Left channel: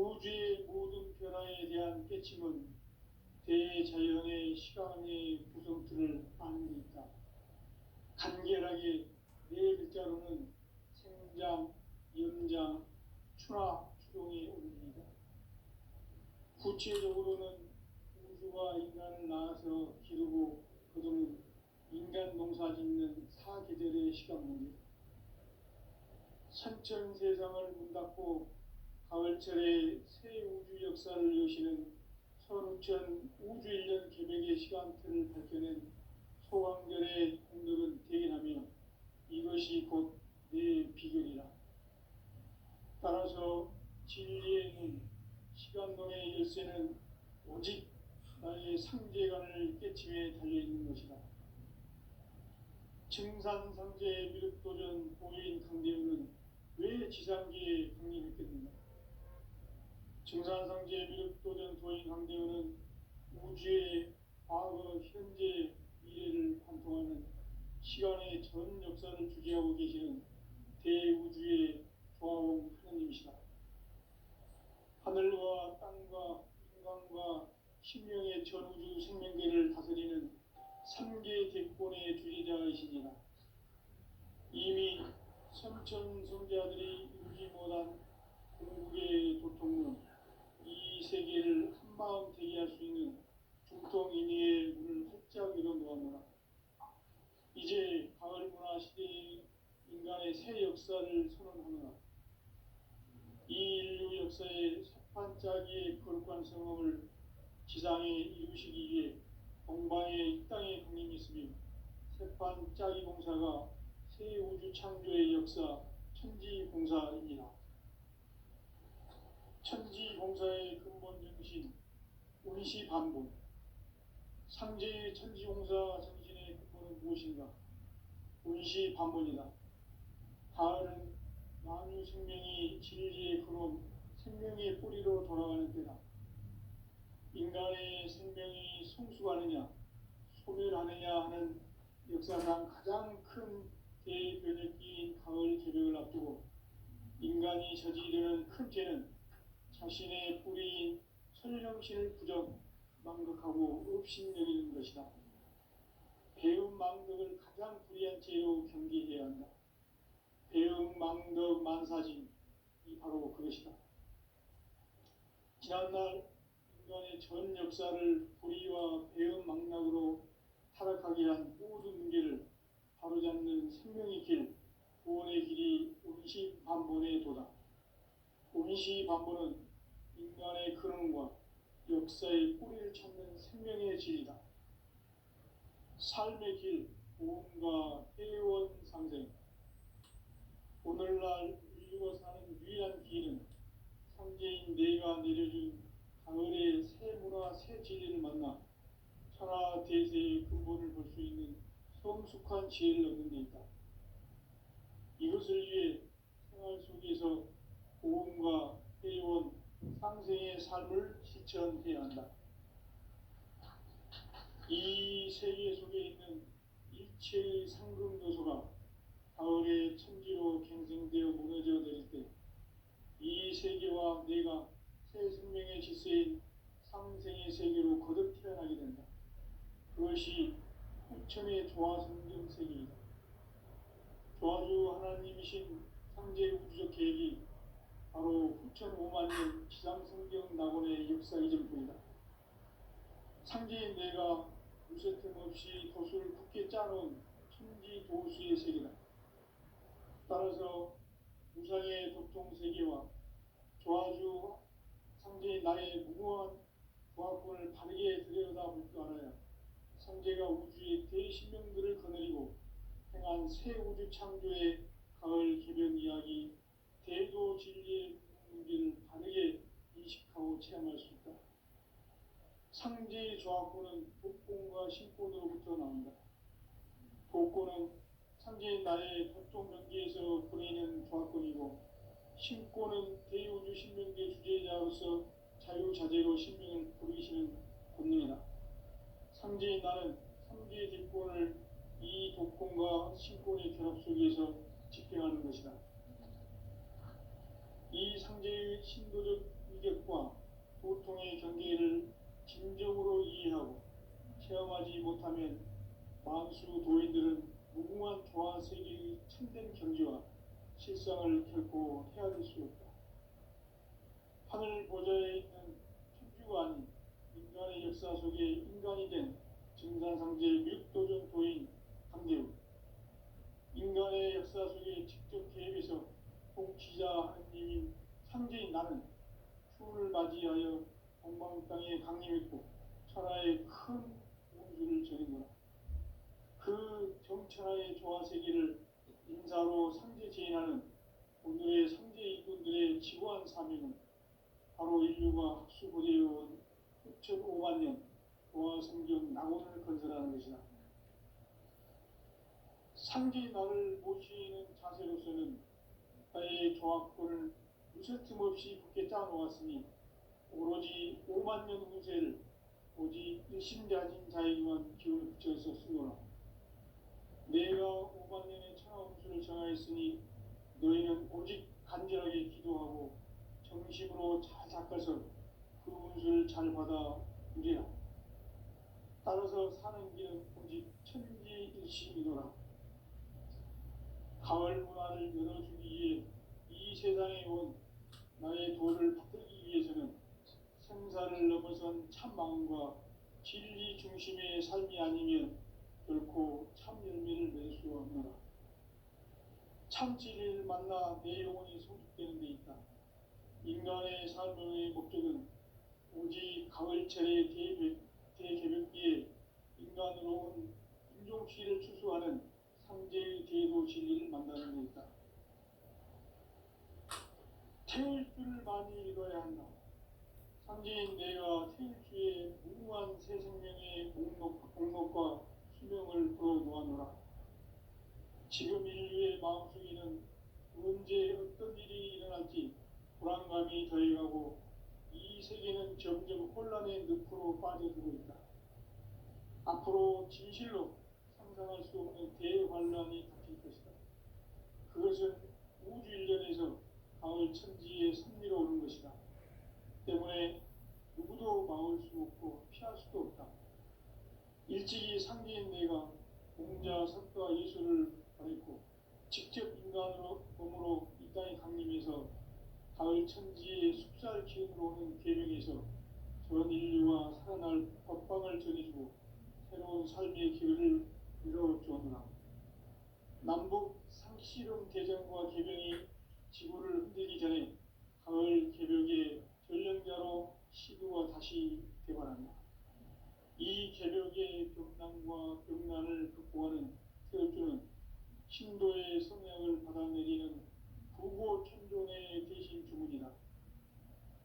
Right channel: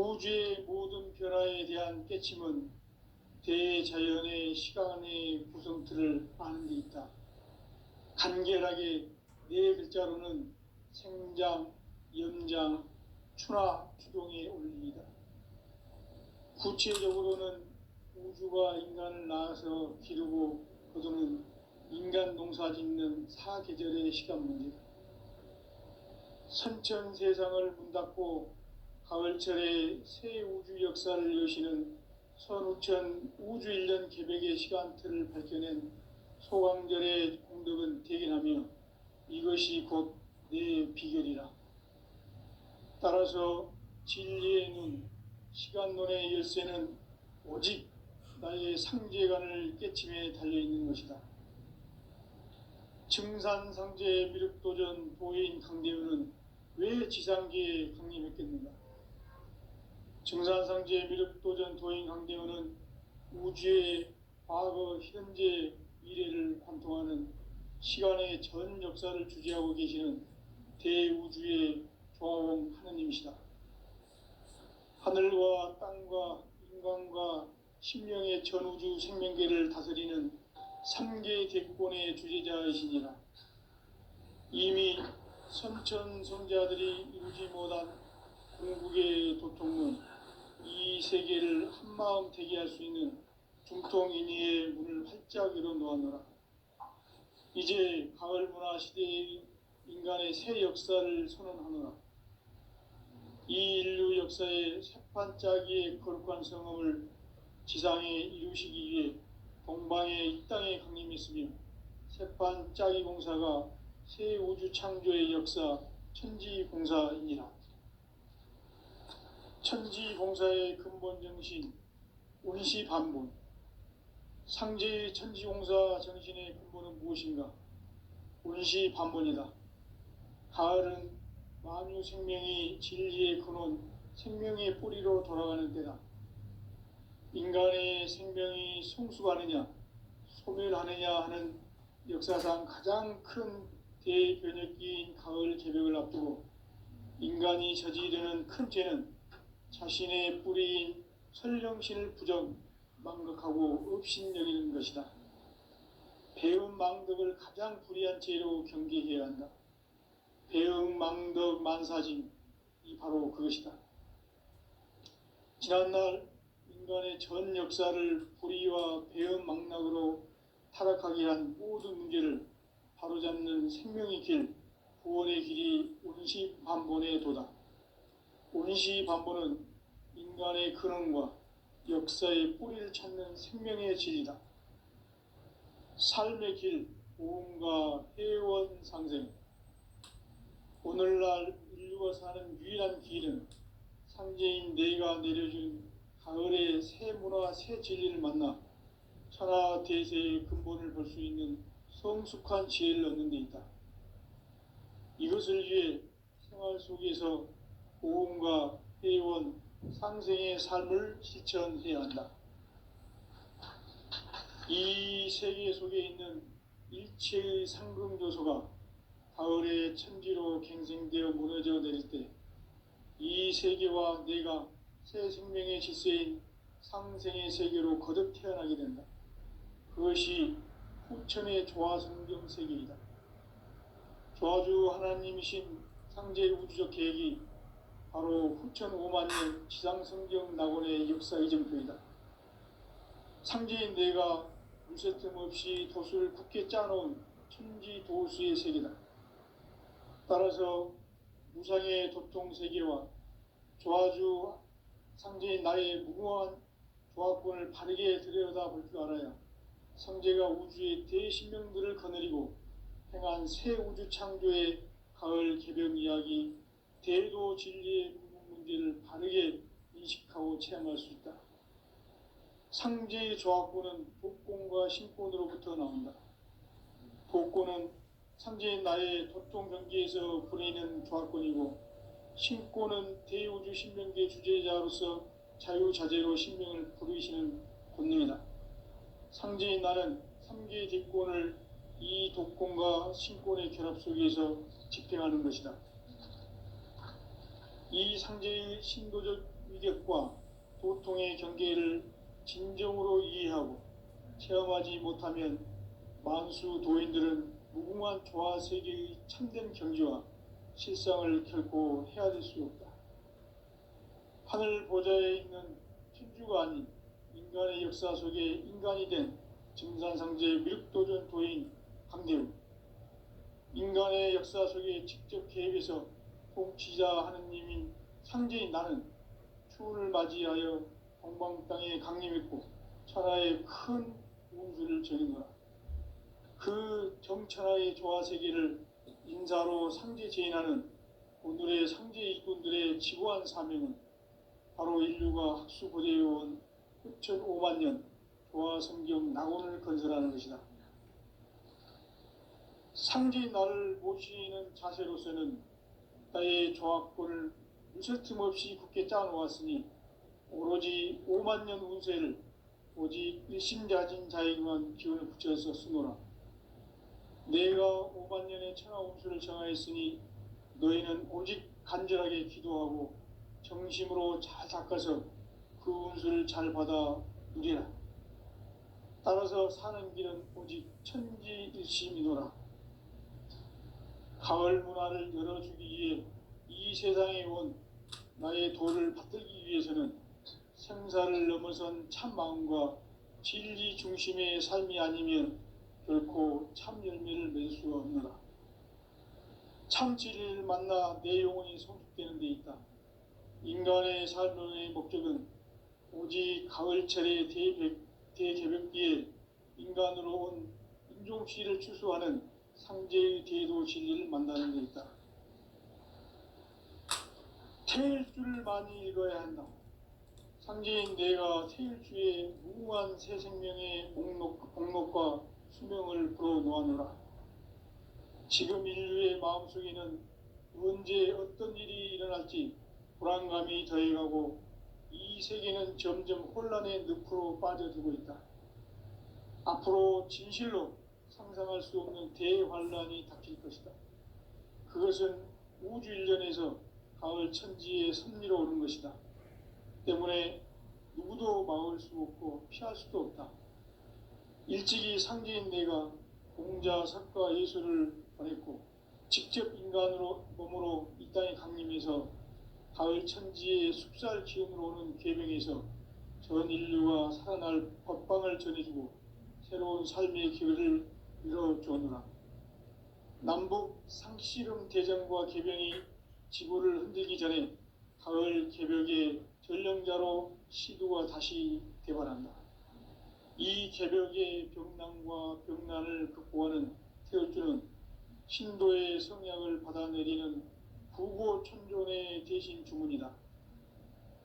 우주의 모든 변화에 대한 깨침은 대자연의 시간의 구성틀을 아는 데 있다. 간결하게 네 글자로는 생장, 연장, 추나 추동의 원리이다. 구체적으로는 우주가 인간을 낳아서 기르고 거두는 인간 농사 짓는 사계절의 시간 문제다. 선천 세상을 문 닫고 가을철에 새 우주 역사를 여시는 선우천 우주 1년 개백의 시간틀을 밝혀낸 소강절의 공덕은 대견하며 이것이 곧 내 비결이라. 따라서 진리의 눈, 시간론의 열쇠는 오직 나의 상제관을 깨침에 달려있는 것이다. 증산상제 미륵도전 도인 강대우는 왜 지상계에 강림했겠는가? 증산상제 미륵도전 도인 강대우는 우주의 과거, 현재, 미래를 관통하는 시간의 전 역사를 주재하고 계시는 대우주의 조화원 하느님이시다. 하늘과 땅과 인간과 신명의 전우주 생명계를 다스리는 3개 대권의 주재자이시니라. 이미 선천성자들이 이루지 못한 궁극의 도통은 이 세계를 한마음 되게 할 수 있는 중통인의의 문을 활짝 열어놓았노라. 이제 가을 문화 시대의 인간의 새 역사를 선언하노라. 이 인류 역사의 새반짝이의 거룩한 성음을 지상에 이루시기 위해 동방의 이 땅에 강림했으며 새반짝이 공사가 새 우주 창조의 역사 천지봉사이니라. 천지봉사의 근본 정신 운시반본. 상제의 천지공사 정신의 근본은 무엇인가? 운시반본이다. 가을은 만유 생명이 진리의 근원, 생명의 뿌리로 돌아가는 때다. 인간의 생명이 성숙하느냐, 소멸하느냐 하는 역사상 가장 큰 대변혁기인 가을 개벽을 앞두고 인간이 저지르는 큰 죄는 자신의 뿌리인 설령신을 망각하고 업신여기는 것이다. 배움 망덕을 가장 불의한 죄로 경계해야 한다. 배움 망덕 만사진, 이 바로 그것이다. 지난날 인간의 전 역사를 불의와 배움 망락으로 타락하게 한 모든 문제를 바로잡는 생명의 길, 구원의 길이 운시반본의 도다. 운시반본은 인간의 근원과 역사의 뿌리를 찾는 생명의 질이다. 삶의 길, 보험과 회원 상생. 오늘날 인류가 사는 유일한 길은 상제인 내가 내려준 가을의 새 문화, 새 진리를 만나 천하 대세의 근본을 볼 수 있는 성숙한 지혜를 얻는 데 있다. 이것을 위해 생활 속에서 보험과 회원, 상생의 삶을 실천해야 한다. 이 세계 속에 있는 일체의 상금요소가 가을의 천지로 갱생되어 무너져 내릴 때 이 세계와 내가 새 생명의 질서인 상생의 세계로 거듭 태어나게 된다. 그것이 후천의 조화성경 세계이다. 조화주 하나님이신 상제의 우주적 계획이 바로 후천 5만년 지상성경 낙원의 역사 이정표이다. 상제인 내가 물새틈 없이 도수를 굳게 짜놓은 천지도수의 세계다. 따라서 무상의 도통 세계와 조화주 상제인 나의 무궁한 조화권을 바르게 들여다볼 줄 알아야 상제가 우주의 대신명들을 거느리고 행한 새 우주 창조의 가을 개벽 이야기, 대도 진리의 문제를 바르게 인식하고 체험할 수 있다. 상제의 조화권은 복권과 신권으로부터 나온다. 복권은 상제인 나의 도통 경계에서 부리는 조화권이고, 신권은 대우주 신명계 주제자로서 자유자재로 신명을 부르시는 본능이다. 상제인 나는 3개의 뒷권을 이 독권과 신권의 결합 속에서 집행하는 것이다. 이 상제의 신도적 위력과 고통의 경계를 진정으로 이해하고 체험하지 못하면 만수 도인들은 무궁한 조화 세계의 참된 경지와 실상을 결코 헤아릴 수 없다. 하늘 보좌에 있는 천주가 아닌 인간의 역사 속에 인간이 된 증산상제 미륵도전 도인 강대우, 인간의 역사 속에 직접 개입해서 통치자 하느님인 상제인 나는 추운을 맞이하여 동방 땅에 강림했고 천하의 큰 운수를 전했노라. 그 정천하의 조화 세계를 인사로 상제 제인하는 오늘의 상제 일꾼들의 지고한 사명은 바로 인류가 학수고대해온 6,500만 년 조화 성경 낙원을 건설하는 것이다. 상제인 나를 모시는 자세로서는 나의 조합권을 무설틈 없이 굳게 짜놓았으니 오로지 5만 년 운세를 오직 일심자진 자에게만 기운을 붙여서 쓰노라. 내가 5만 년의 천하 운수를 정하였으니 너희는 오직 간절하게 기도하고 정심으로 잘 닦아서 그 운수를 잘 받아 누리라. 따라서 사는 길은 오직 천지일심이노라. 가을 문화를 열어주기 위해 이 세상에 온 나의 도를 받들기 위해서는 생사를 넘어선 참 마음과 진리 중심의 삶이 아니면 결코 참 열매를 맺을 수 없노라. 참 진리를 만나 내 영혼이 성숙되는 데 있다. 인간의 삶의 목적은 오직 가을철의 대개벽기에 인간으로 온 인종시를 추수하는 상제의 대도 진리를 만나는 데 있다. 태일주를 많이 읽어야 한다. 상제인 내가 태일주의 무궁한 새 생명의 목록과 수명을 풀어놓아노라. 지금 인류의 마음속에는 언제 어떤 일이 일어날지 불안감이 더해가고 이 세계는 점점 혼란의 늪으로 빠져들고 있다. 앞으로 진실로 상상할 수 없는 대환란이 닥칠 것이다. 그것은 우주 일전에서 가을 천지의 섭리로 오는 것이다. 때문에 누구도 막을 수 없고 피할 수도 없다. 일찍이 상제인 내가 공자, 석가, 예수를 보냈고 직접 인간으로 몸으로 이 땅에 강림해서 가을 천지의 숲살 기운으로 오는 계명에서 전 인류가 살아날 법방을 전해주고 새로운 삶의 기회를 이뤄주었노라. 남북 상씨름 대전과 개병이 지구를 흔들기 전에 가을 개벽의 전령자로 시두가 다시 개발한다. 이 개벽의 병난과 병난을 극복하는 태울주는 신도의 성약을 받아내리는 부고천존의 대신 주문이다.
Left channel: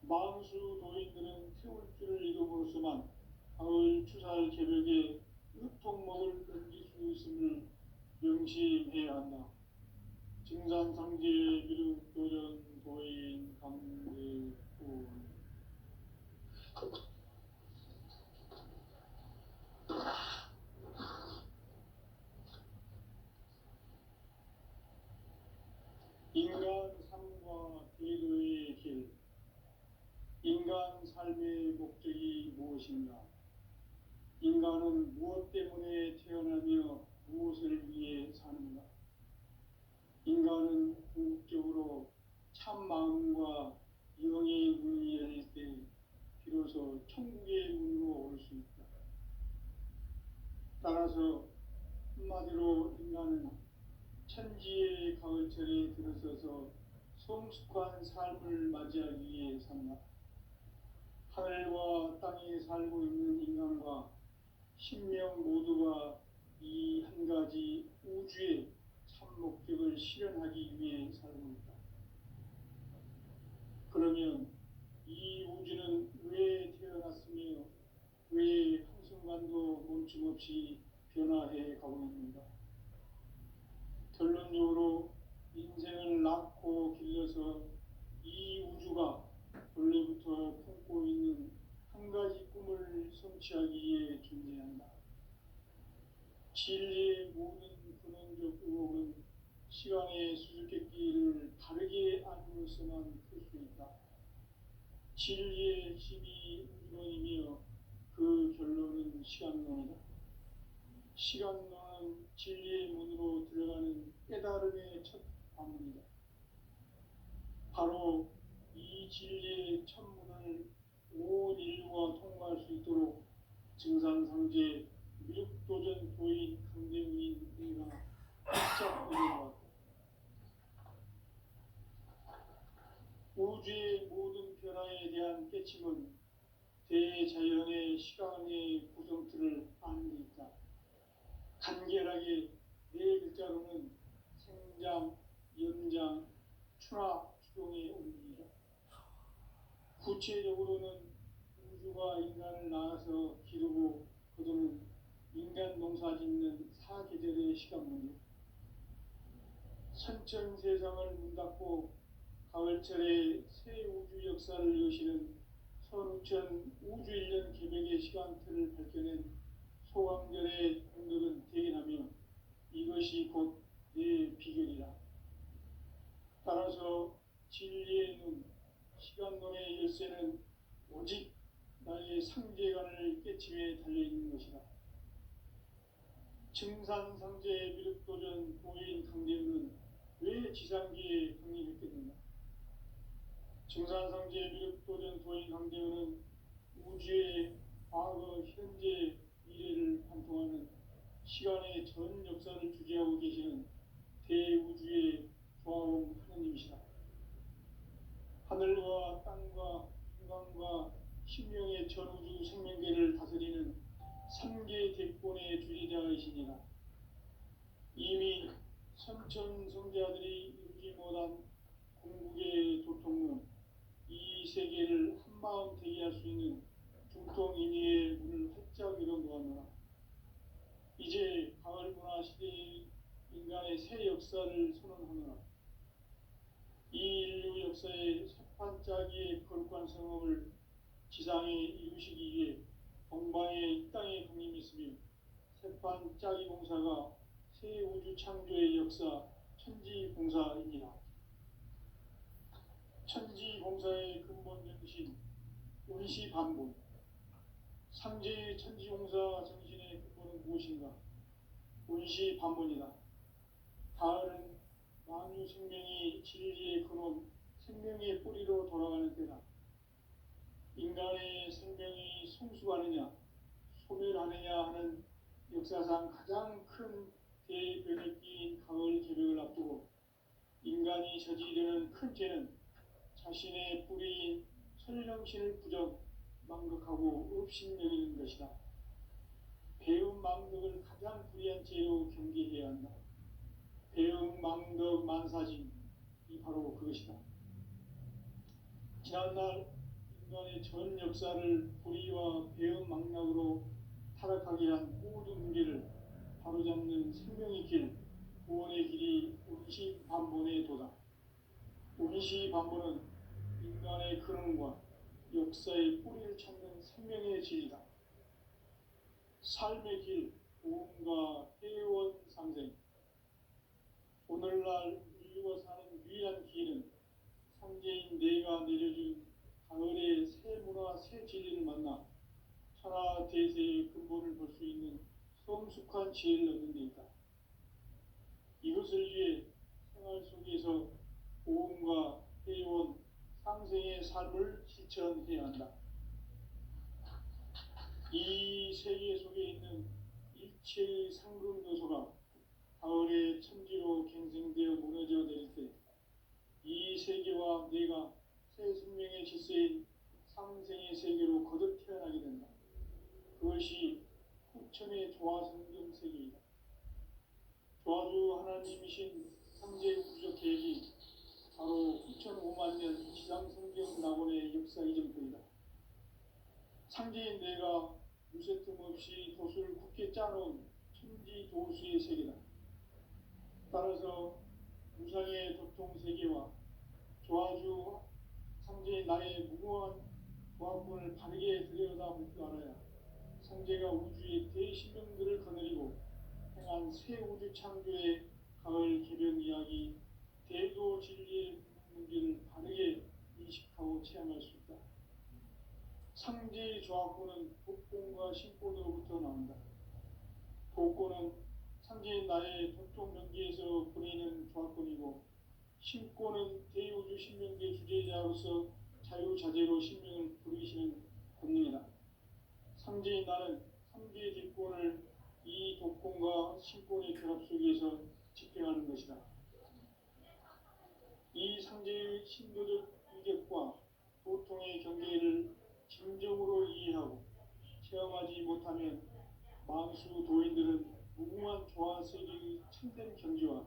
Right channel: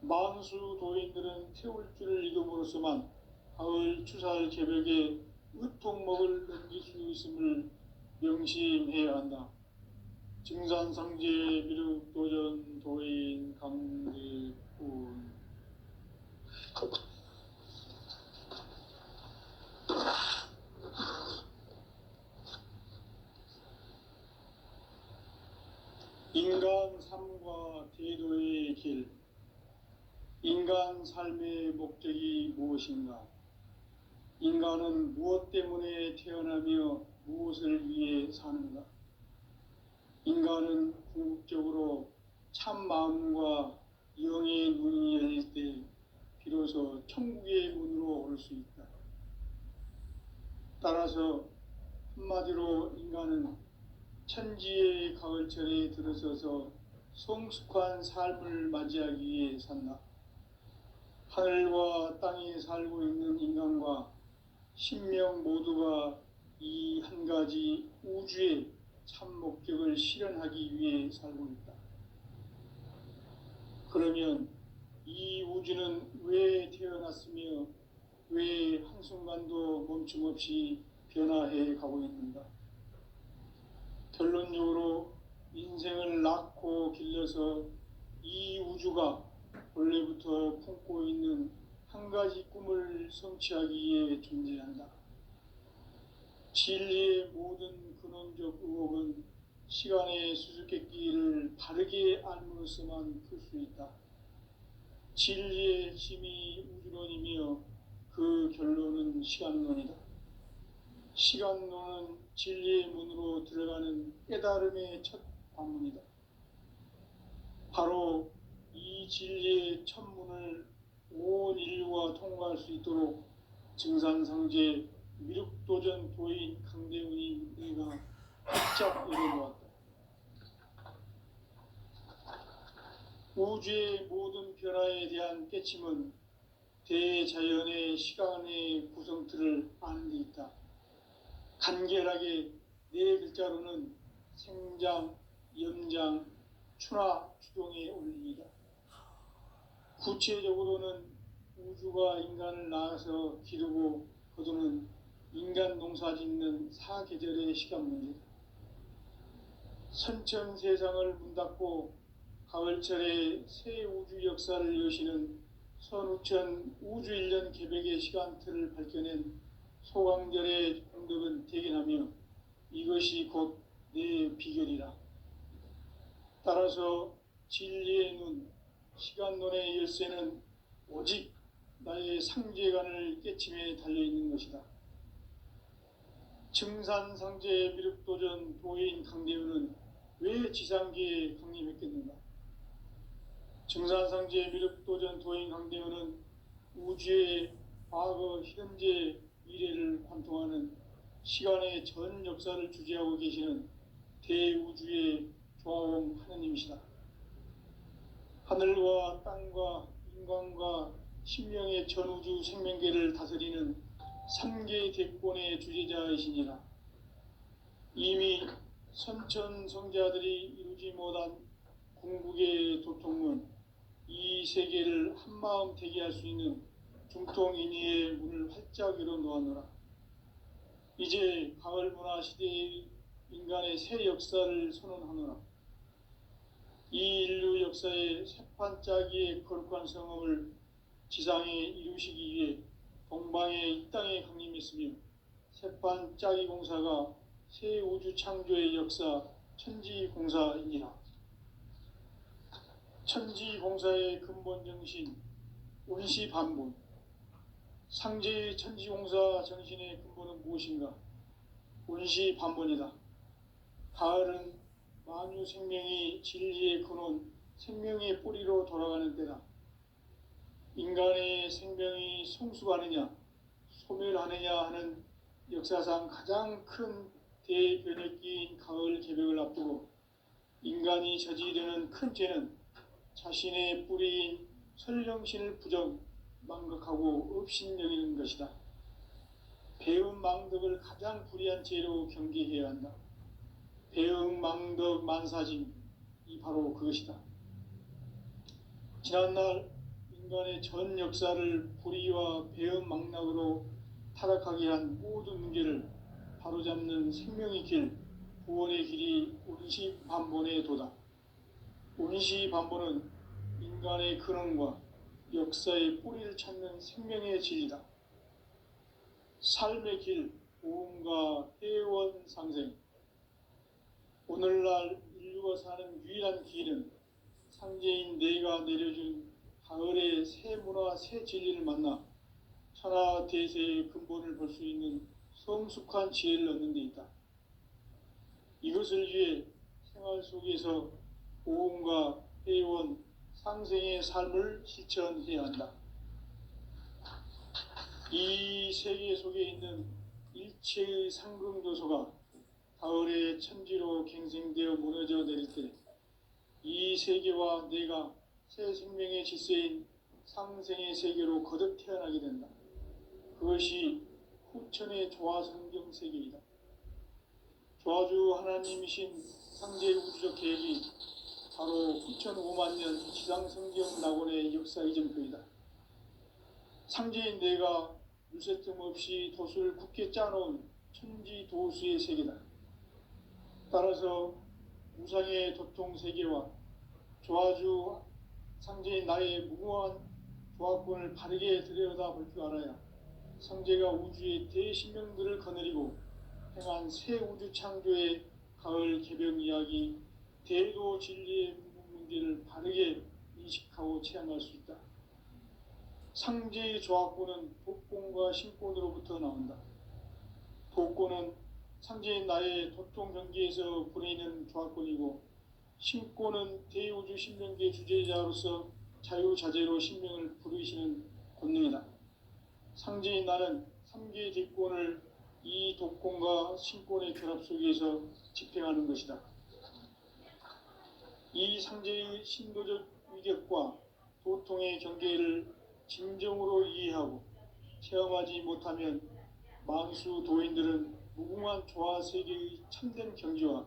만수 도인들은 태울주를 읽음으로써만 가을 추살 개벽의 의통목을 넘길 수 있음을 명심해야 한다. 증산상제 미륵도전 도인 강대군. 인간 삶과 대도의 길. 인간 삶의 목적이 무엇인가? 인간은 무엇 때문에 태어나며 무엇을 위해 사는가? 인간은 궁극적으로 참 마음과 영의 눈이 열릴 때 비로소 천국의 문으로 올 수 있다. 따라서 한마디로 인간은 천지의 가을철에 들어서서 성숙한 삶을 맞이하기 위해 산다. 하늘과 땅에 살고 있는 인간과 신명 모두가 이 한 가지 우주의 참 목적을 실현하기 위해 살고 있다. 그러면 이 우주는 왜 태어났으며 왜 한순간도 멈춤없이 변화해 가고 있는가? 결론적으로 인생을 낳고 길러서 이 우주가 원래부터 품고 있는 한 가지 꿈을 성취하기 위해 존재한다. 진리의 모든 근원적 의혹은 시간의 수수께끼를 바르게 알므로써만 풀 수 있다. 진리의 핵심이 우주론이며 그 결론은 시간론이다. 시간론은 진리의 문으로 들어가는 깨달음의 첫 관문이다. 바로 이 진리의 첫 문을 온 인류가 통과할 수 있도록 증산상제 미륵도전 도인 강대훈이 내가 활짝 열어놓았다. 우주의 모든 변화에 대한 깨침은 대자연의 시간의 구성틀을 아는 데 있다. 간결하게 네 글자로는 생장, 연장, 추나 추동의 원리이다. 구체적으로는 우주가 인간을 낳아서 기르고 거두는 인간 농사 짓는 사계절의 시간 문제다. 선천 세상을 문 닫고 가을철에 새 우주 역사를 여시는 선우천 우주 1년 개백의 시간틀을 밝혀낸 소강절의 공덕은 대견하며 이것이 곧 내 비결이라. 따라서 진리의 눈, 시간론의 열쇠는 오직 나의 상제관을 깨침에 달려있는 것이다. 증산상제 미륵도전 도인 강대훈은 왜 지상계에 강림했겠는가? 증산상제 미륵도전 도인 강대훈은 우주의 과거, 현재, 미래를 관통하는 시간의 전 역사를 주재하고 계시는 대우주의 조화원 하느님이시다. 하늘과 땅과 인간과 신명의 전우주 생명계를 다스리는 3개 대권의 주재자이시니라. 이미 선천성자들이 이루지 못한 궁극의 도통문, 이 세계를 한마음 대기할 수 있는 중통인의의 문을 활짝 열어놓았노라. 이제 가을 문화 시대의 인간의 새 역사를 선언하노라. 이 인류 역사의 새판짜기의 거룩한 성험을 지상에 이루시기 위해 동방의 이 땅에 강림했으며 새판짜기 공사가 새 우주 창조의 역사 천지공사이니라. 천지공사의 근본 정신 원시반본. 상제의 천지공사 정신의 근본은 무엇인가? 원시반본이다. 가을은 만유 생명이 진리의 근원, 생명의 뿌리로 돌아가는 때다. 인간의 생명이 성숙하느냐, 소멸하느냐 하는 역사상 가장 큰 대변혁기인 가을 개벽을 앞두고 인간이 저지르는 큰 죄는 자신의 뿌리인 설령신을 부정, 망각하고 업신여기는 것이다. 배음 망덕을 가장 불의한 죄로 경계해야 한다. 배음 망덕 만사짐이 바로 그것이다. 지난날 인간의 전 역사를 불의와 배음 망락으로 타락하게 한 모든 문제를 바로잡는 생명의 길, 구원의 길이 원시반본의 도다. 원시반본은 인간의 근원과 역사의 뿌리를 찾는 생명의 진리다. 삶의 길, 오음과 해원 상생. 오늘날 인류가 사는 유일한 길은 상제인 내가 내려준 가을의 새 문화, 새 진리를 만나 천하 대세의 근본을 볼 수 있는 성숙한 지혜를 얻는 데 있다. 이것을 위해 생활 속에서 오음과 해원, 상생의 삶을 실천해야 한다. 이 세계 속에 있는 일체의 상금도소가 가을의 천지로 갱생되어 무너져 내릴 때 이 세계와 내가 새 생명의 질서인 상생의 세계로 거듭 태어나게 된다. 그것이 후천의 조화성경 세계이다. 조화주 하나님이신 상제 우주적 계획이 바로 2005만 년 지상성경 낙원의 역사 이전표이다. 상제인 내가 물새틈 없이 도수를 굳게 짜놓은 천지도수의 세계다. 따라서 우상의 도통 세계와 조화주 상제인 나의 무궁한 조화권을 바르게 들여다볼 줄 알아야 상제가 우주의 대신명들을 거느리고 행한 새 우주 창조의 가을 개벽 이야기, 대도 진리의 문제를 바르게 인식하고 체험할 수 있다. 상제의 조합구는 독곤과 신곤으로부터 나온다. 독곤은 상제인 나의 도통 경기에서 부르는 조합권이고, 신곤은 대우주 신명계 주제자로서 자유자재로 신명을 부르시는 권능이다. 상제인 나는 삼계의 뒷권을 이 독권과 신권의 결합 속에서 집행하는 것이다. 이 상제의 신도적 위력과 도통의 경계를 진정으로 이해하고 체험하지 못하면 만수 도인들은 무궁한 조화 세계의 참된 경지와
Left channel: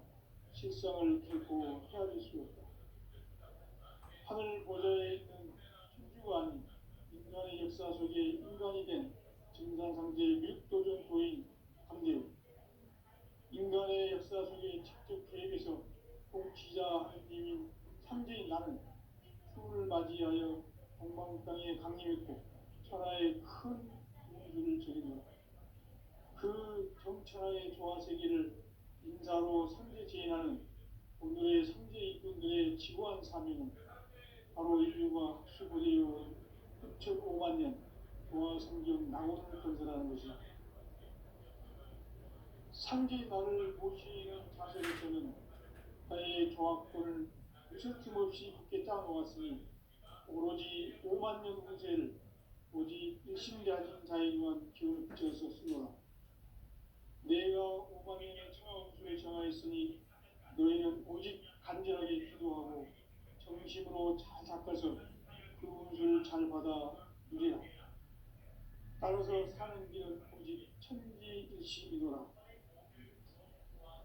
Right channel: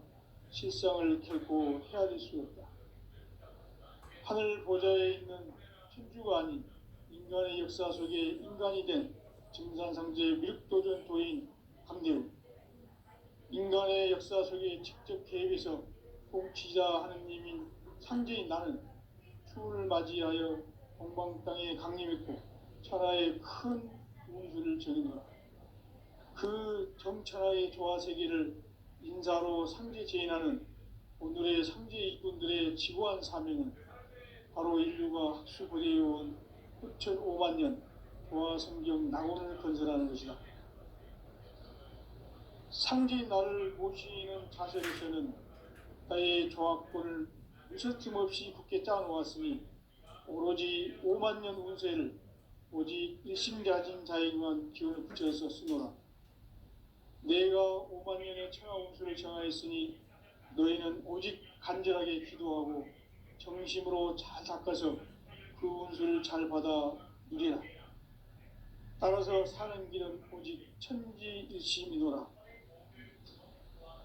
실상을 결코 헤아릴 수 없다. 하늘 보좌에 있는 천주가 아닌 인간의 역사 속에 인간이 된 증산상제 밀도전 도인 강대우, 인간의 역사 속에 직접 개입해서 통치자 하느님인 상제인 나는 추운을 맞이하여 동방 땅에 강림했고 천하의 큰 운수를 전해노라. 그 정천하의 조화 세계를 인사로 상제 제인하는 오늘의 상제 일꾼들의 지고한 사명은 바로 인류가 학수고대해온 6,500만 년 조화 성경 낙원을 건설하는 것이다. 상제인 나를 모시는 자세로서는 나의 조합권을 무서팀 없이 굳게 짜놓았으니 오로지 5만 년 운세를 오직 일심가진 자에게만 기운을 붙여서 쓰노라. 내가 5만 년의 천하 운수를 정하였으니 너희는 오직 간절하게 기도하고 정심으로 잘 닦아서 그 운수를 잘 받아 누리라. 따라서 사는 길은 오직 천지일심이노라.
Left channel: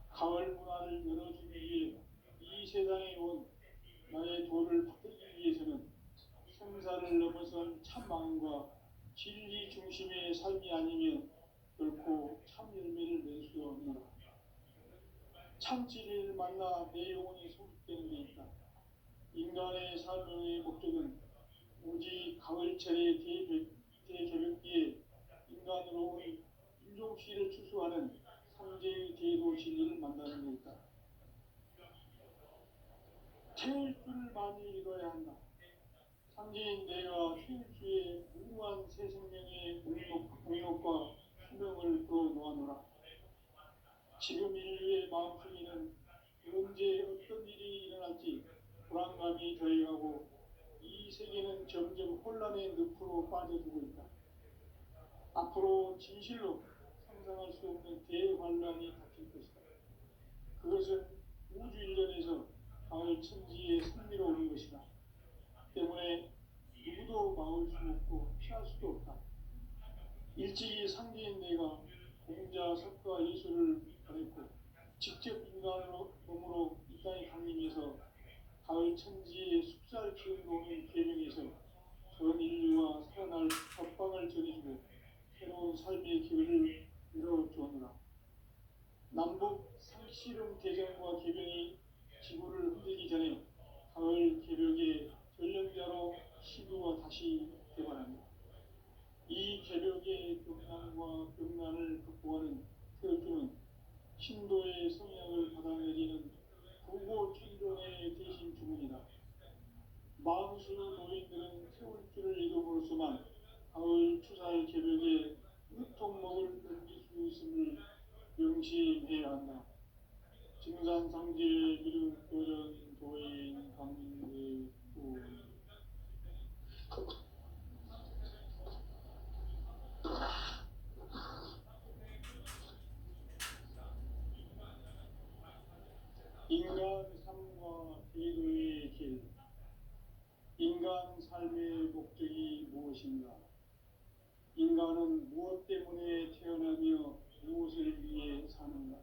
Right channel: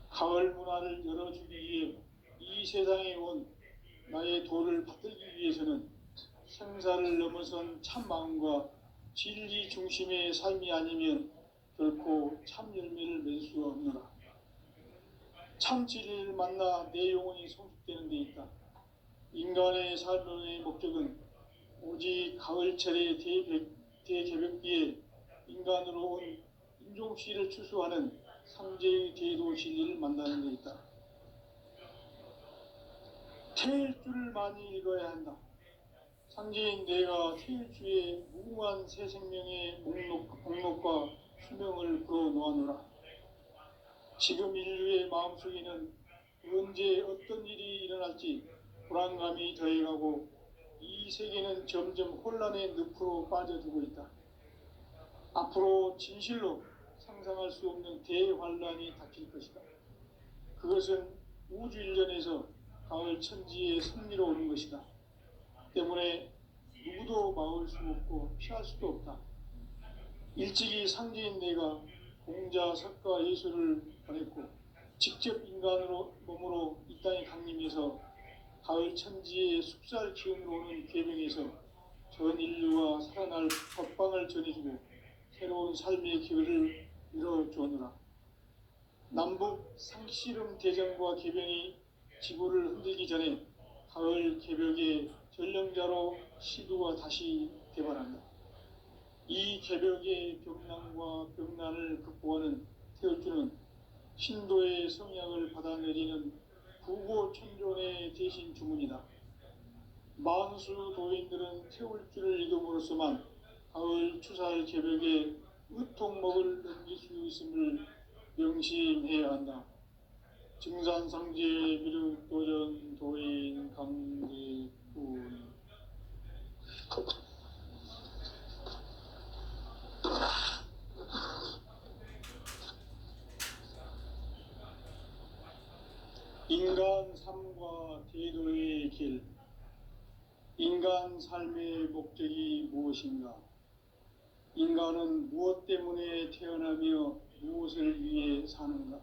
가을 문화를 열어주기 위해 이 세상에 온 나의 도를 받들기 위해서는 생사를 넘어선 참 마음과 진리 중심의 삶이 아니면 결코 참 열매를 맺을 수 없노라. 참 진리를 만나 내 영혼이 성숙되는 데 있다. 인간의 삶의 목적은 오직 가을철의 대개벽기에 인간으로 온 인종시를 추수하는 상제의 대도 진리를 만나는 데 있다. 태일주를 많이 읽어야 한다. 상제인 내가 태일주의 무궁한 새 생명의 목록과 수명을 불어놓아노라. 지금 인류의 마음속에는 언제 어떤 일이 일어날지 불안감이 더해가고 이 세계는 점점 혼란의 늪으로 빠져들고 있다. 앞으로 진실로 상상할 수 없는 대환란이 닥칠 것이다. 그것은 우주 일련에서 가을 천지의 섭리로 오는 것이다. 때문에 누구도 막을 수 없고 피할 수도 없다. 일찍이 상제인 내가 공자, 석가, 예수를 보냈고 직접 인간으로 몸으로 이 땅에 강림해서 가을 천지의 숙살 기운으로 오는 계명에서 전 인류와 살아날 법방을 전해주고 새로운 삶의 기회를 이뤄주었노라. 남북 상씨름 대전과 개병이 지구를 흔들기 전에 가을 개벽의 전령자로 시도가 다시 개발한다. 이 개벽의 벽난과 벽난을 극복하는 태울주는 신도의 성향을 받아내리는 부고천존의 대신 주문이다. 만수 도인들은 태울주를 읽음으로써만 가을 추살 개벽의 의통목을 넘길 수 있음을 명심해야 한다. 증산상제 미륵도전 도인 강대군. 인간 삶과 대도의 길. 인간 삶의 목적이 무엇인가? 인간은 무엇 때문에 태어나며 무엇을 위해 사는가?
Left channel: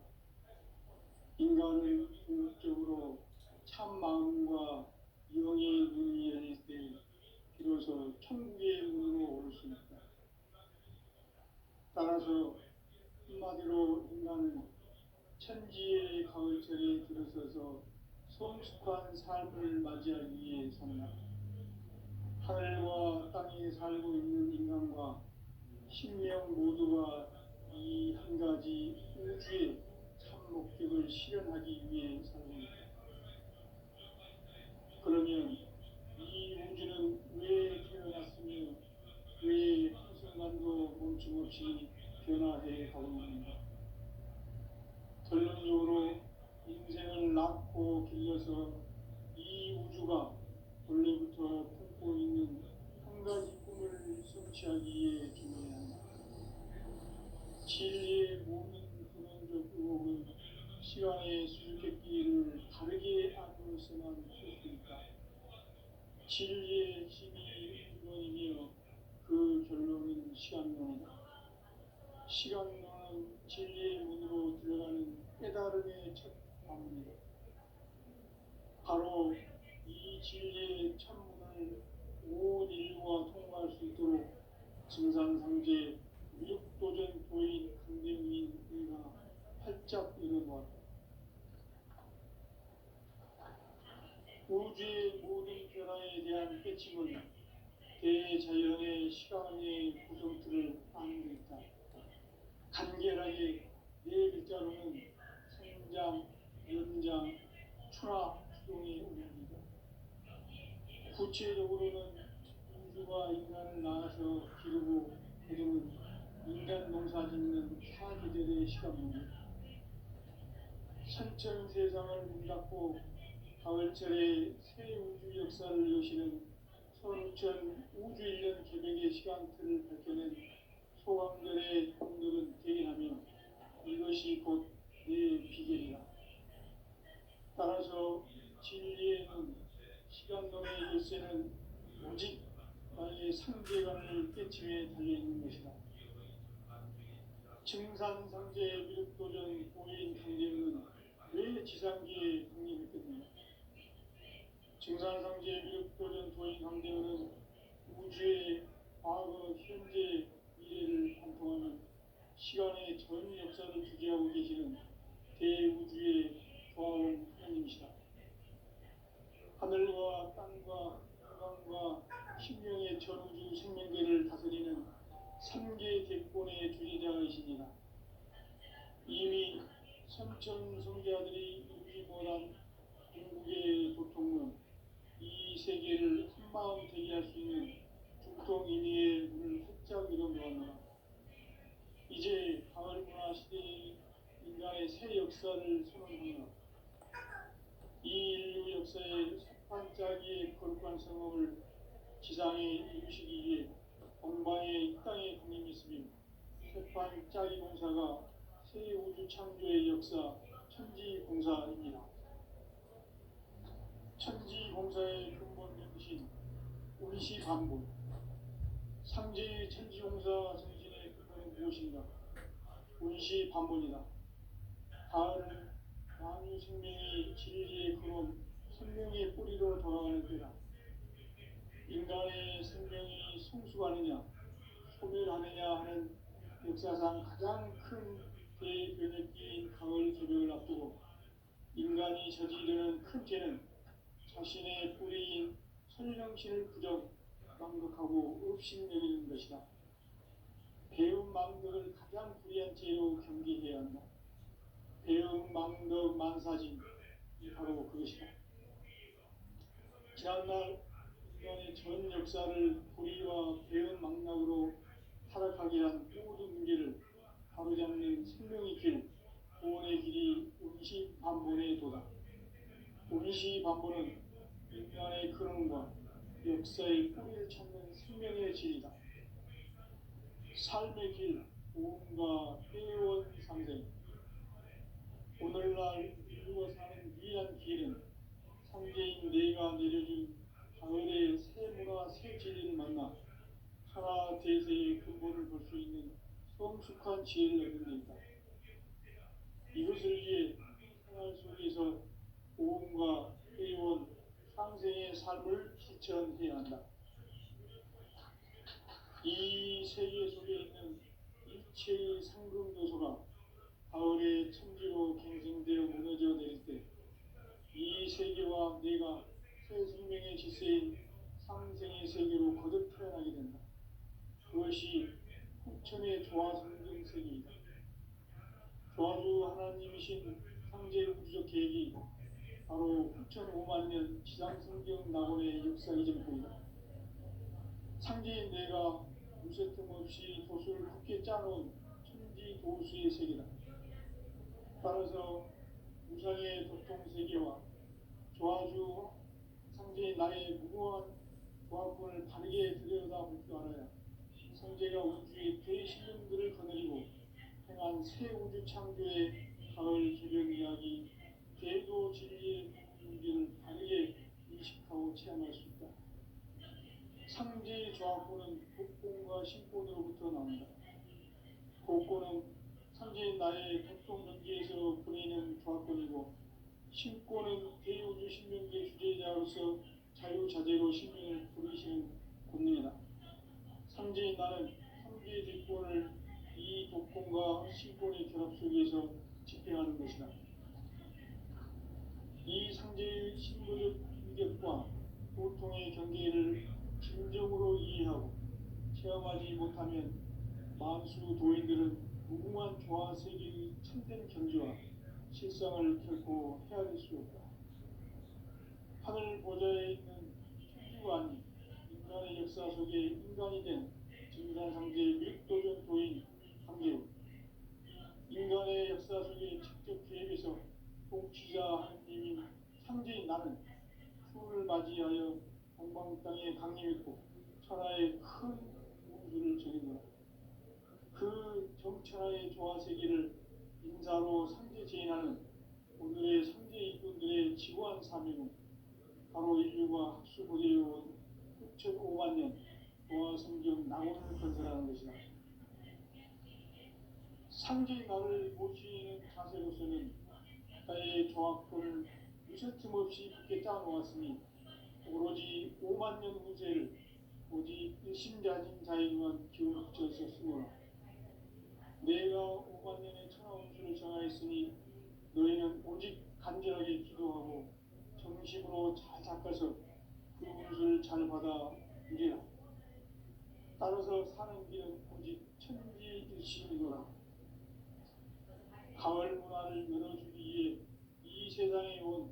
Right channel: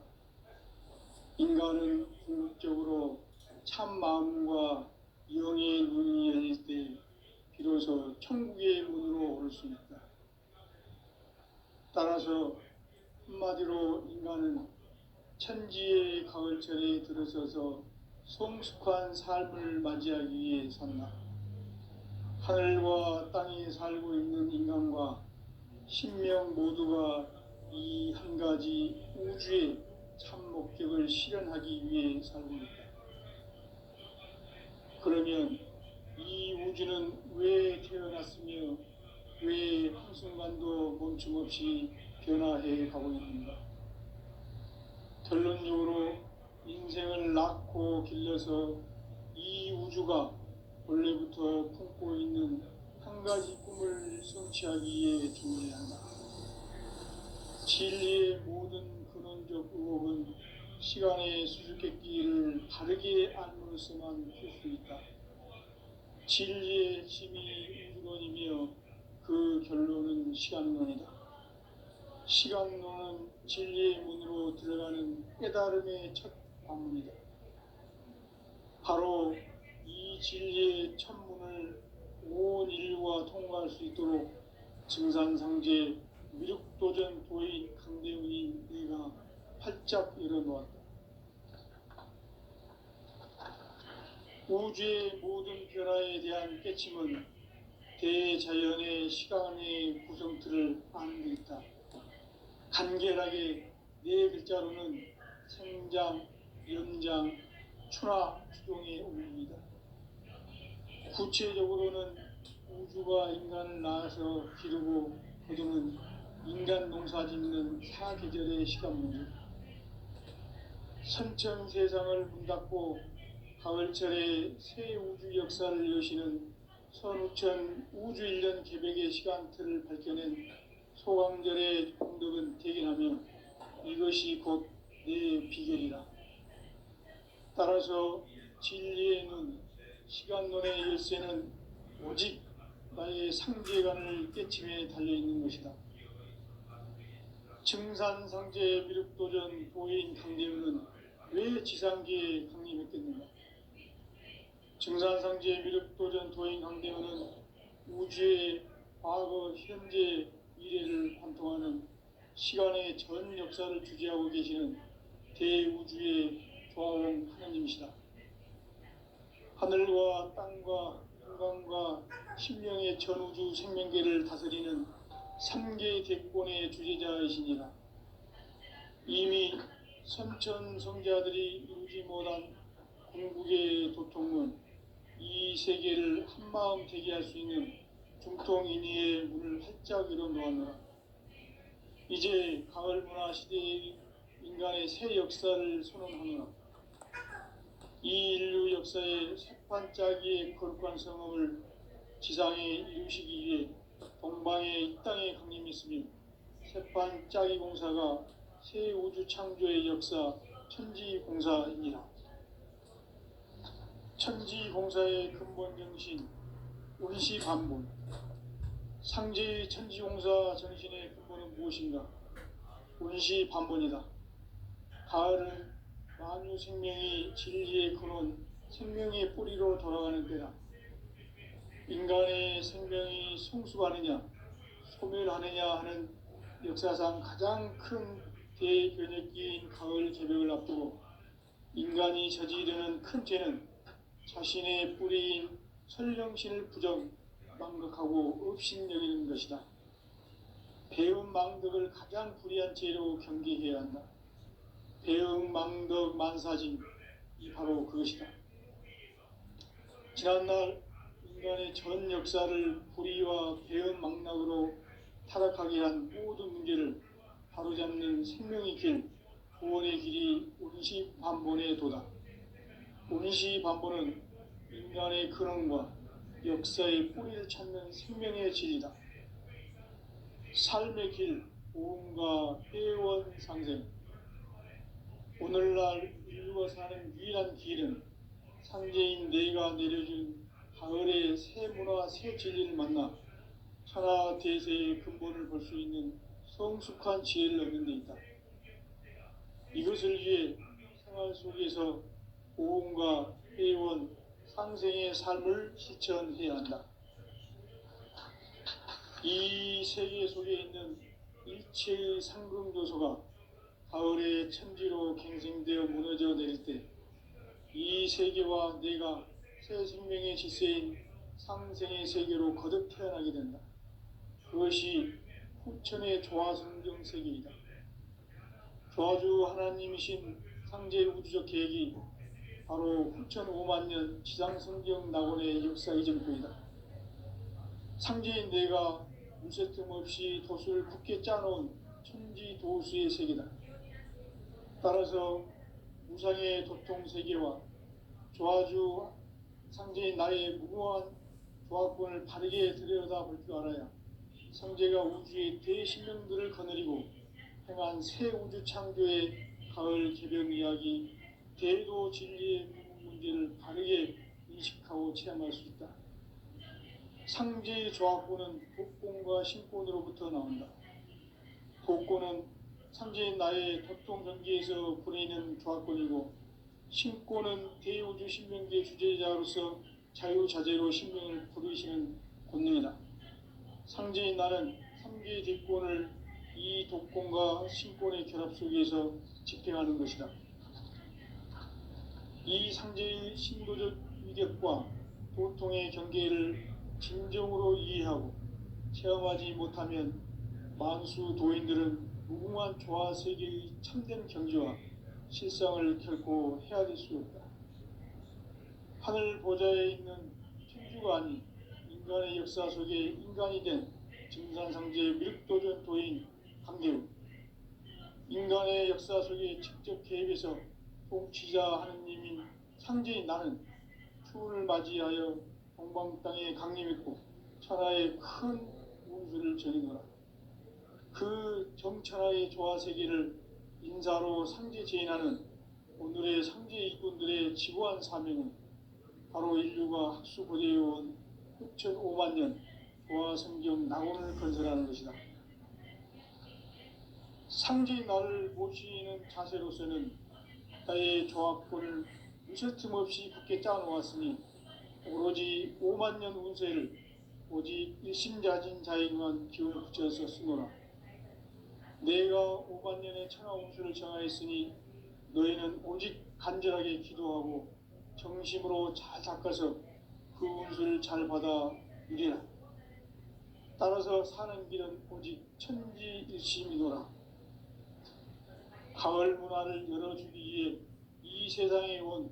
인간은 궁극적으로 참 마음과 영의 눈이 열릴 때 비로소 천국의 문으로 올 수 있다. 따라서 한마디로 인간은 천지의 가을철에 들어서서 성숙한 삶을 맞이하기 위해 산다. 하늘과 땅에 살고 있는 인간과 신명 모두가 이 한 가지 우주의 참 목적을 실현하기 위해 살고 있다. 그러면 이 우주는 왜 태어났으며 왜 한순간도 멈춤 없이 변화해 가고 있는가? 결론적으로 인생을 낳고 길러서 이 우주가 원래부터 품고 있는 한 가지 꿈을 성취하기에 준비해야 한다. 진리의 모든 근원적 의혹은 시간의 수수께끼를 바르게 안으로서만 풀 수 있다. 진리의 핵심이 우주론이며 그 결론은 시간론이다. 시간론은 진리의 문으로 들어가는 깨달음의 첫 관문이다. 바로 이 진리의 첫 문을 온 인류가 통과할 수 있도록 증산상제 미륵도전 도인 강대훈이 내가 활짝 열어놓았다. 우주의 모든 변화에 대한 깨침은 대자연의 시간의 구성틀을 아는 데 있다. 간결하게 네 글자로는 생장, 연장, 추나 추동의 옮깁니다. 구체적으로는 우주가 인간을 낳아서 기르고 거두는 인간 농사 짓는 사계절의 시간문제, 선천 세상을 문닫고 가을철에 새 우주 역사를 여시는 선우천 우주 1년 개백의 시간틀을 밝혀낸 소강절의 공덕은 대견하며 이것이 곧 내 비결이라. 따라서 진리의 눈, 시간론의 열쇠는 오직 나의 상계관을 깨침에 달려있는 것이다. 증산상제 미륵도전 도인 강대훈은 왜 지상계에 강림했겠는가? 증산상제 미륵도전 도인 강대훈은 우주의 과거, 현재, 미래를 관통하는 시간의 전 역사를 주재하고 계시는 대우주의 조화원 하나님이시다. 하늘과 땅과 인간과 신명의 전우주 생명계를 다스리는 3개 대권의 주재자이시니라. 이미 선천성자들이 이루지 못한 궁극의 도통은 이 세계를 한마음 되게 할 수 있는 중통인의의 문을 활짝 열어놓았노라. 이제 가을 문화 시대의 인간의 새 역사를 선언하노라. 이 인류 역사의 새판짜기의 거룩한 성업을 지상에 이루시기 위해 동방의 이 땅에 강림했으며 새판짜기 공사가 새 우주 창조의 역사 천지공사입니다. 천지공사의 근본 정신 운시반복. 상제의 천지공사 정신의 근본은 무엇인가? 운시반복이다. 가을은 만유 생명이 진리의 근원, 생명의 뿌리로 돌아가는 때다. 인간의 생명이 성숙하느냐, 소멸하느냐 하는 역사상 가장 큰 대변혁기인 가을 개벽을 앞두고 인간이 저지르는 큰 죄는 자신의 뿌리인 설령신을 부정, 망각하고 업신여기는 것이다. 배움 망덕을 가장 불의한 죄로 경계해야 한다. 배움 망덕 만사진, 이 바로 그것이다. 지난날 인간의 전 역사를 불의와 배움 망락으로 타락하게 한 모든 문제를 바로잡는 생명의 길, 구원의 길이 운시반본의 도다. 운시반본은 인간의 근원과 역사의 뿌리를 찾는 생명의 질이다. 삶의 길, 보험과 회원 상생. 오늘날 인류가 사는 유일한 길은 상제인 내가 내려준 가을의 새 문화, 새 진리를 만나 천하 대세의 근본을 볼 수 있는 성숙한 지혜를 얻는 데 있다. 이것을 위해 생활 속에서 보험과 회원, 상생의 삶을 실천해야 한다. 이 세계 속에 있는 일체의 상승도소가 가을의 천지로 갱생되어 무너져 내릴 때 이 세계와 내가 새 생명의 질서인 상생의 세계로 거듭 태어나게 된다. 그것이 후천의 조화성경 세계이다. 조화주 하나님이신 상제 우주적 계획이 바로 후천 5만 년 지상성경 낙원의 역사 이전표이다. 상제인 내가 무쇠틈 없이 돛을 굳게 짜놓은 천지도수의 세계다. 따라서 우상의 도통 세계와 조화주 상제인 나의 무궁한 조합권을 바르게 들여다볼 줄 알아야 성제가 우주의 대신령들을 거느리고 행한 새 우주 창조의 가을 개변 이야기, 대도 진리의 문제를 바르게 인식하고 체험할 수 있다. 상제의 조합권은 복권과 신권으로부터 나온다. 복권은 상제인 나의 도통전기에서 보내는 조합권이고, 신권은 대우주 신명계 주제자로서 자유자재로 신명을 부르시는 권능이다. 상제인 나는 3개의 뒷권을 이 독권과 신권의 결합 속에서 집행하는 것이다. 이 상제의 신도적 위력과 도통의 경계를 진정으로 이해하고 체험하지 못하면 만수 도인들은 무궁한 조화 세계의 참된 경지와 실상을 결코 헤아릴 수 없다. 하늘 보좌에 있는 천주가 아닌 인간의 역사 속에 인간이 된 증산상제 미륵도전 도인 강대우, 인간의 역사 속에 직접 개입해서 통치자 하느님인 상제인 나는 추운을 맞이하여 동방 땅에 강림했고 천하의 큰 운수를 전이노라. 그 정천하의 조화세계를 인사로 상제 제인하는 오늘의 상제 일꾼들의 지구한 사명은 바로 인류가 학수고대해온 6,500만 년 조화성경 낙원을 건설하는 것이다. 상제인 나를 모시는 자세로서는 나의 조합권을 무쇠틈 없이 굳게 짜놓았으니 오로지 5만 년 운세를 오직 일심자진 자에게만 기운을 붙여서 쓰노라. 내가 5만 년의 천하 운수를 정하였으니 너희는 오직 간절하게 기도하고 정심으로 잘 닦아서 그 운수를 잘 받아 누리라. 따라서 사는 길은 오직 천지일심이노라. 가을 문화를 열어주기 위해 이 세상에 온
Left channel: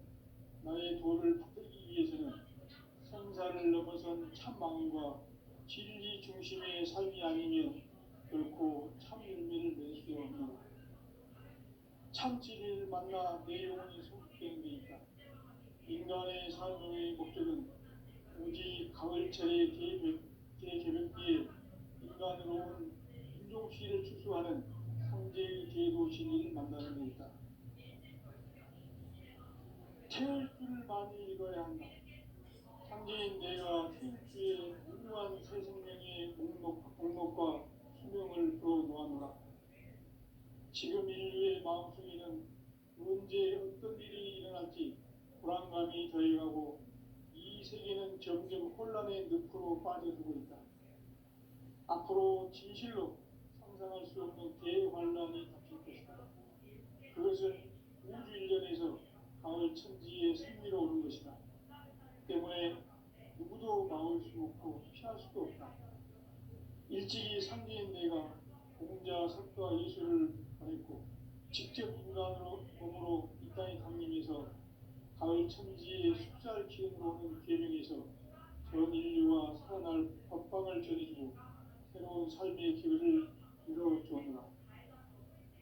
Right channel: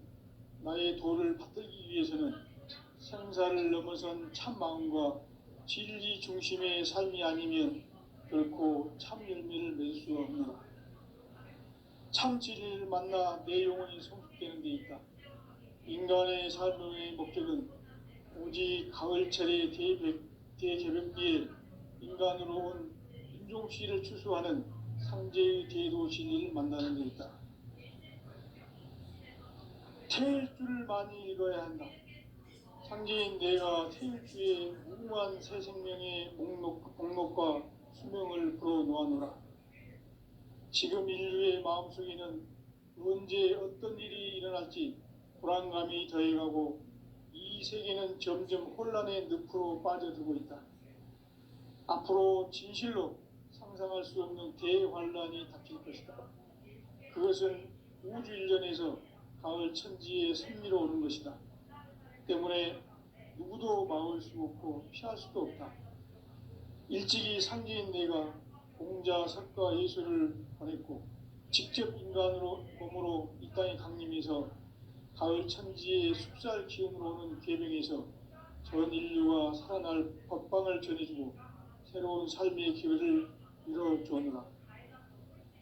나의 도를 받들기 위해서는 생사를 넘어선 참 마음과 진리 중심의 삶이 아니면 결코 참 열매를 맺을 수 없노라. 참 진리를 만나 내 영혼이 성숙되는 데 있다. 인간의 삶의 목적은 오직 가을철의 대개벽기에 인간으로 온 인종시를 추수하는 상제의 대도 진리를 만나는 데 있다. 태일 줄을 많이 읽어야 한다. 상제인 내가 태일주의 무궁한 새 생명의 목록과 수명을 불어놓아노라. 지금 인류의 마음속에는 언제 어떤 일이 일어날지 불안감이 더해가고 이 세계는 점점 혼란의 늪으로 빠져들고 있다. 앞으로 진실로 상상할 수 없는 대환란이 닥칠 것이다. 그것은 우주 일전에서 가을 천지의 섭리로 오는 것이다. 때문에 누구도 막을 수 없고 피할 수도 없다. 일찍이 상제인 내가 공자, 석가, 예수를 보냈고 직접 인간으로 몸으로 이 땅에 강림해서 가을 천지의 숲살 기운으로 오는 계명에서 전 인류가 살아날 법방을 전해주고 새로운 삶의 기회를 이뤄주었노라.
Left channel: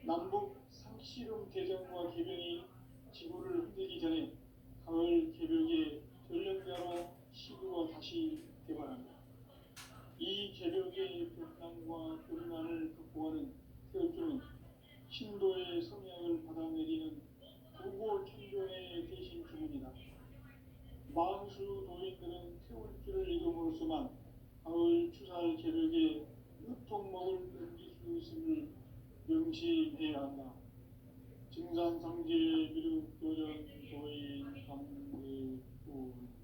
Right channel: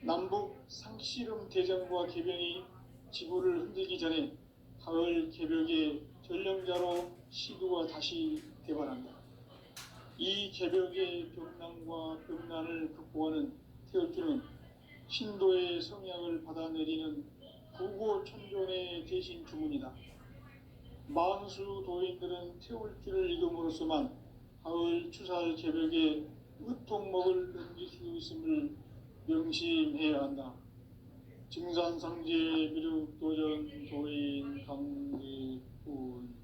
남북 상씨름 대전과 개병이 지구를 흔들기 전에 가을 개벽의 전령자로 시도가 다시 대발한다. 이 개벽의 벽난과 벽난을 극복하는 태울주는 신도의 성향을 받아내리는 구고천존의 대신 주문이다. 만수 도인들은 태울주를 이름으로서만 가을 추살 개벽의 으통목을 넘길 수 있음을 명심해야 한다. 증산상제 미륵도전 도인 강대훈.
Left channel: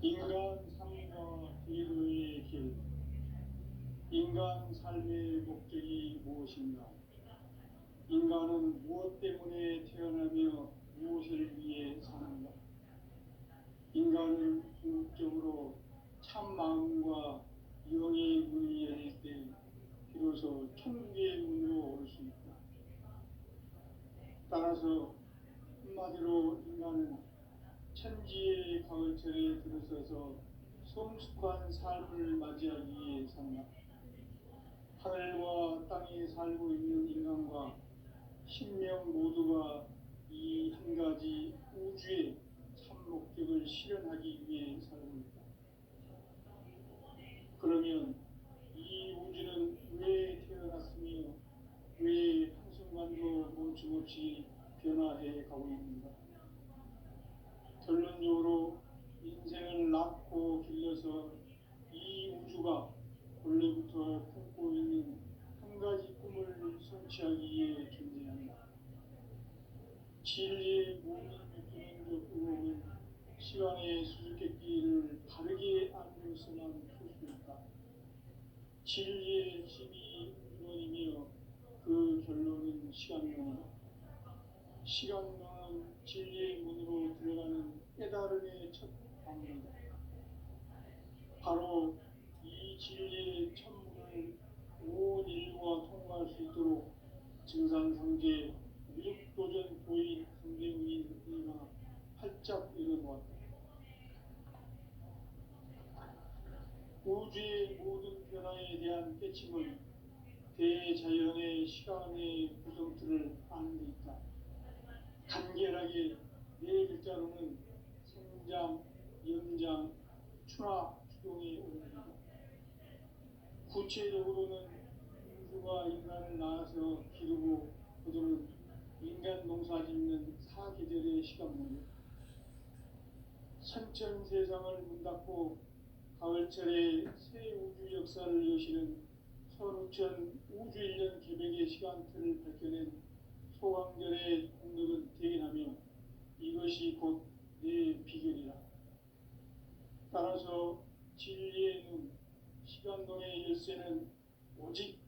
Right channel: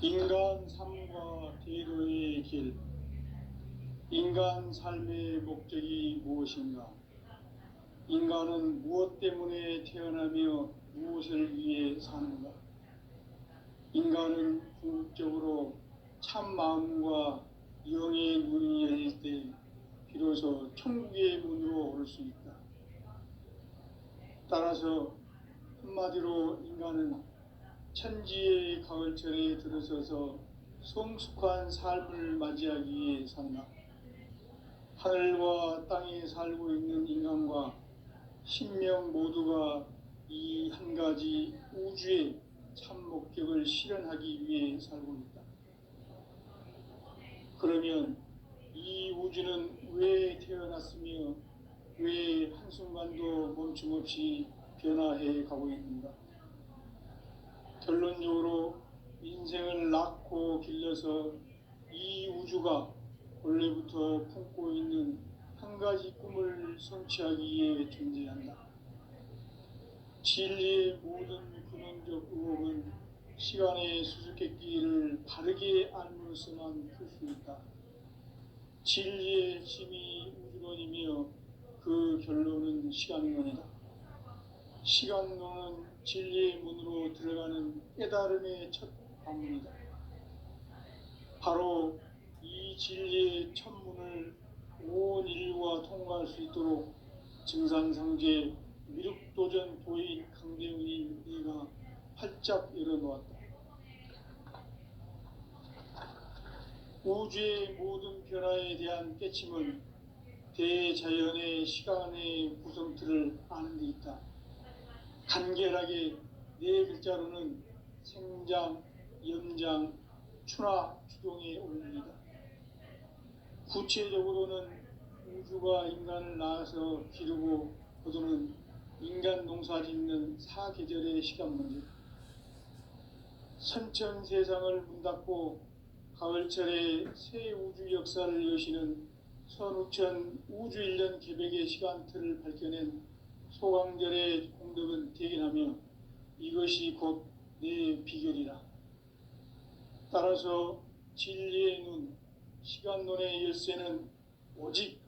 인간 삶과 대도의 길. 인간 삶의 목적이 무엇인가? 인간은 무엇 때문에 태어나며 무엇을 위해 사는가? 인간은 궁극적으로 참 마음과 영의 문이 열릴 때 비로소 천국의 문으로 올 수 있다. 따라서 한마디로 인간은 천지의 가을철에 들어서서 성숙한 삶을 맞이하기 위해 산다. 하늘과 땅에 살고 있는 인간과 신명 모두가 이 한 가지 우주의 참 목적을 실현하기 위해 살고 있다. 그러면 이 우주는 왜 태어났으며 왜 한순간도 멈춤없이 변화해 가고 있는가? 결론적으로 인생을 낳고 길러서 이 우주가 원래부터 품고 있는 한 가지 꿈을 성취하기 위해 존재한다. 진리의 모든 근원적 의혹은 시간의 수수께끼를 바르게 알므로서만 풀 수 있다. 진리의 핵심이 우주론이며 그 결론은 시간론이다. 시간론은 진리의 문으로 들어가는 깨달음의 첫 방문이다. 바로 이 진리의 첫 문을 온 인류가 통과할 수 있도록 증산상제 미륵도전 도인 강대훈이 네가 활짝 열어놓았다. 우주의 모든 변화에 대한 깨침은 대자연의 시간의 구성틀을 아는 데 있다. 간결하게 네 글자로는 생장, 염장, 추나 추동의 원리이다. 구체적으로는 우주가 인간을 낳아서 기르고 거두는 인간 농사 짓는 사계절의 시간 문제. 선천 세상을 문 닫고 가을철에 새 우주 역사를 여시는 선우천 우주 1년 개백의 시간틀을 밝혀낸 소강절의 공덕은 대견하며 이것이 곧 내 비결이라. 따라서 진리의 눈, 시간론의 열쇠는 오직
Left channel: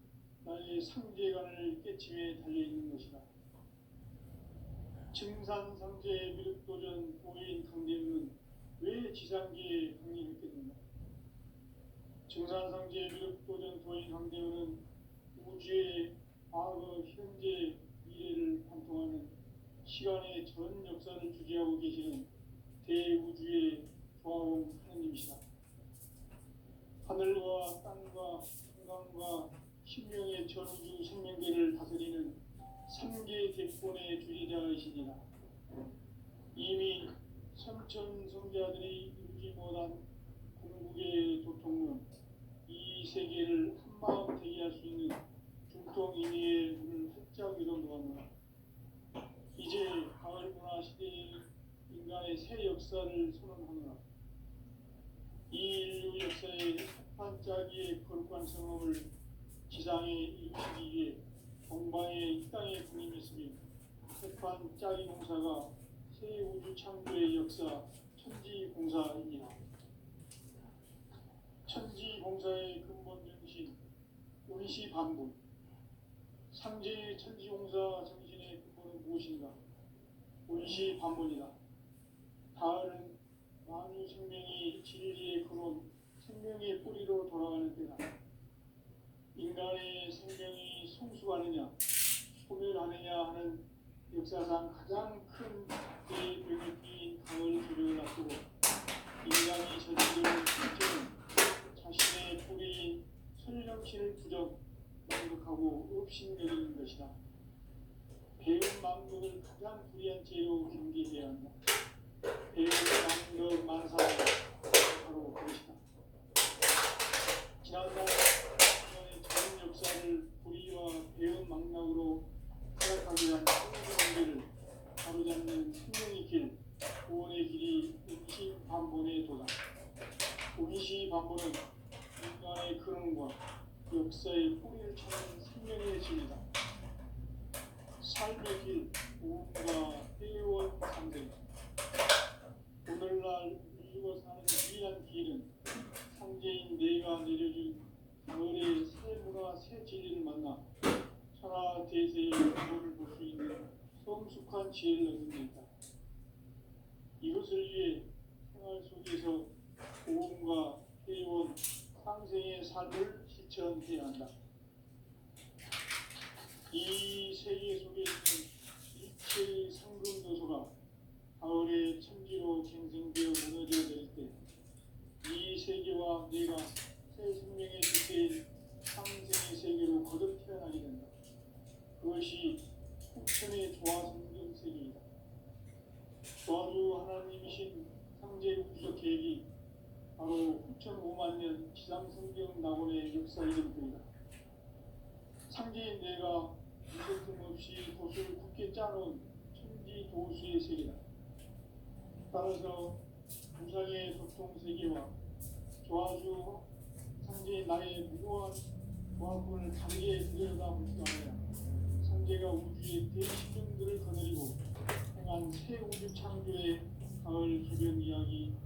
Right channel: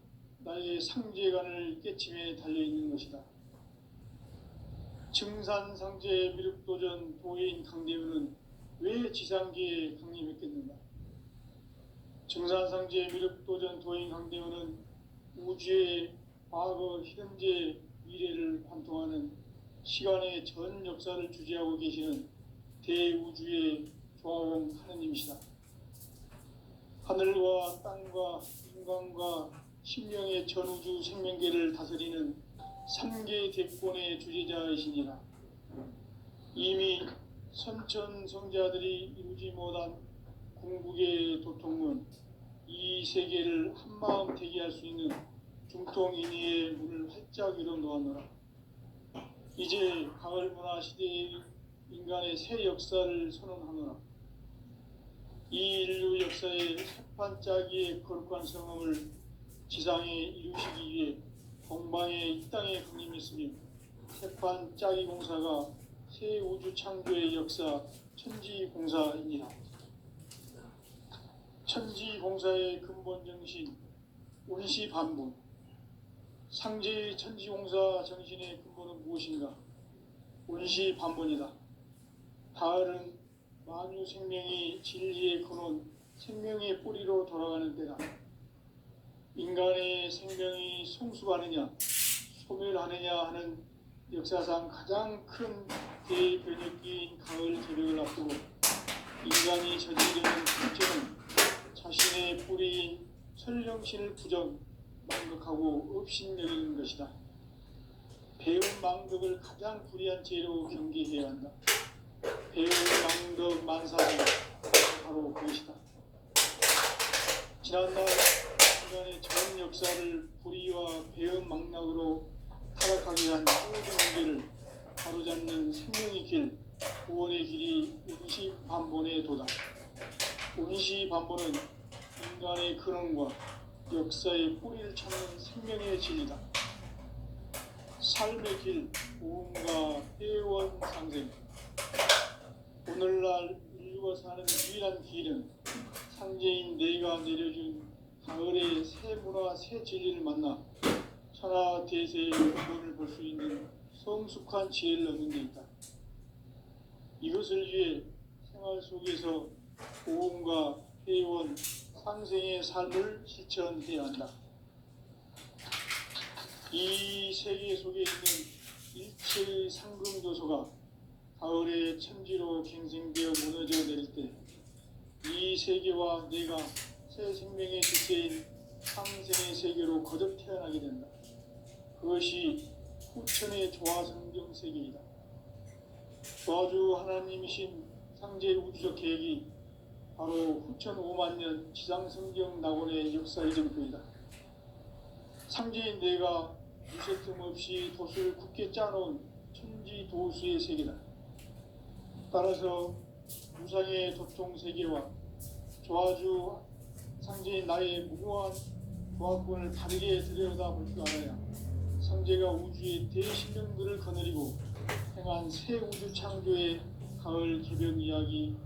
나의 상제관을 깨침에 달려있는 것이다. 증산상제 미륵도전 도인 강대훈은 왜 지상계에 강림했겠는가? 증산상제 미륵도전 도인 강대훈은 우주의 과거, 현재, 미래를 관통하는 시간의 전 역사를 주재하고 계시는 대우주의 조화원 하느님이시다. 하늘과 땅과 인간과 신명의 전우주 생명계를 다스리는 3계 대권의 주재자이시니라. 이미 선천성자들이 이루지 못한 궁극의 도통은 이 세계를 한마음 되게 할 수 있는 중통인의의 문을 활짝 열어놓았노라. 이제 가을 문화 시대의 인간의 새 역사를 선언하노라. 이 인류 역사의 첫반짝이의 거룩한 성험을 지상에 이루시기 위해 동방에 이 땅에 강림했으며 새반짝이 공사가 새 우주 창조의 역사 천지공사이니라. 천지공사의 근본 정신 운시반분. 상제의 천지공사 정신의 근본은 무엇인가? 운시반분이다. 가을은 만유 생명이 진리의 근원, 생명의 뿌리로 돌아가는 때다. 인간의 생명이 성숙하느냐, 소멸하느냐 하는 역사상 가장 큰 대변혁기인 가을 개벽을 앞두고 인간이 저지르는 실제는 자신의 뿌리인 설령신을 부정, 망극하고 업신여기는 것이다. 배운 망극을 가장 불의한 죄로 경계해야 한다. 배운 망극 만사는 바로 그것이다. 지난날 인간의 전 역사를 불의와 배은 망락으로 타락하게 한 모든 문제를 바로잡는 생명의 길, 구원의 길이 운시반본의 도다. 운시반본은 인간의 근원과 역사의 뿌리를 찾는 생명의 진리다. 삶의 길, 오음과 회원 상생. 오늘날 인류가 사는 유일한 길은 상제인 내가 내려준 가을의 새 문화, 새 진리를 만나 천하 대세의 근원을 볼 수 있는 성숙한 지혜를 얻는 데 있다. 이것을 위해 생활 속에서 오음과 회원, 상생의 삶을 실천해야 한다. 이 세계 속에 있는 제3금도서가 가을의 천지로 갱생되어 무너져 내릴 때 이 세계와 내가 새 생명의 주체인 상생의 세계로 거듭 태어나게 된다. 그것이 후천의 조화성경 세계이다. 조화주 하나님이신 상제 우주적 계획이 바로 후천 5만 년 지상성경 낙원의 역사의 전표이다. 상제인 내가 무쇠 틈 없이 돛을 굳게 짜놓은 천지 도수의 세계다. 따라서 무상의 도통 세계와 조화주 상제인 나의 무궁한 조화권을 다르게 들여다볼 줄 알아야 상제가 우주의 대신령들을 거느리고 행한 새 우주 창조의 가을 개벽 이야기,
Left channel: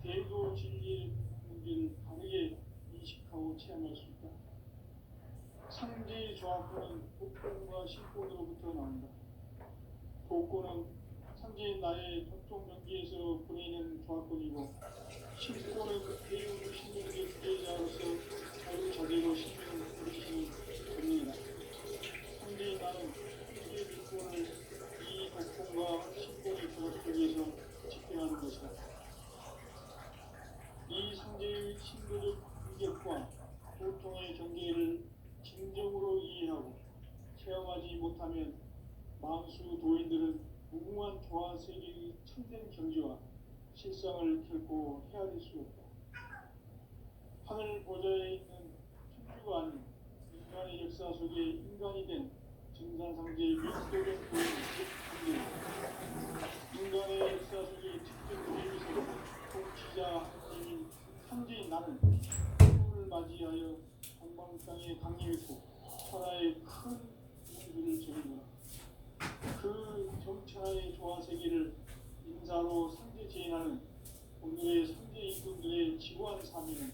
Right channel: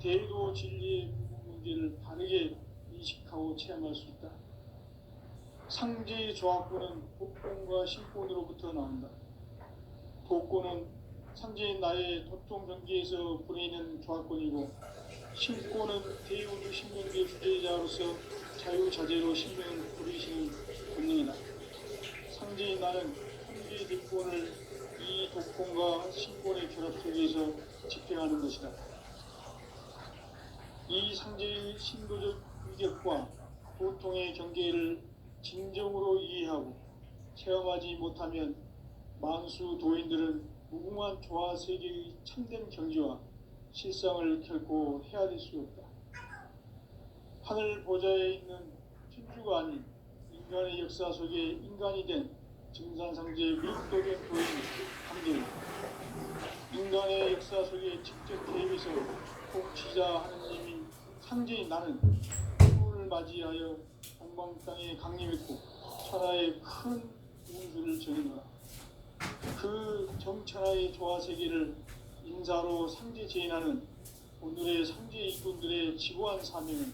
대도 진리의 문제를 바르게 인식하고 체험할 수 있다. 상제의 조화권은 복권과 신권으로부터 나온다. 복권은 상제인 나의 도통 전기에서 보내는 조화권이고, 신권은 대우주 신명의 주제자로서 자유자재로 신명을 부리시는 권능이다. 상제인 나는 상제의 뒷권을 이 독권과 신권의 결합 속에서 집행하는 것이다. 이 상제의 신도적 위격과 보통의 경계를 진정으로 이해하고 체험하지 못하면 만수 도인들은 무궁한 조화 세계의 참된 경지와 실상을 결코 헤아릴 수 없다. 하늘 보좌에 있는 천주가 아닌 인간의 역사 속에 인간이 된 증산상제의 미륵도전 도인 상제는 인간의 역사 속에 직접 개입해서 통치자 하나님인 상제인 나는 풍운을 맞이하여 동방 땅에 강림했고 천하의 큰 운수를 전했노라. 그 정천하의 조화 세계를 인사로 상제 제인하는 오늘의 상제 이군들의 지고한 사명은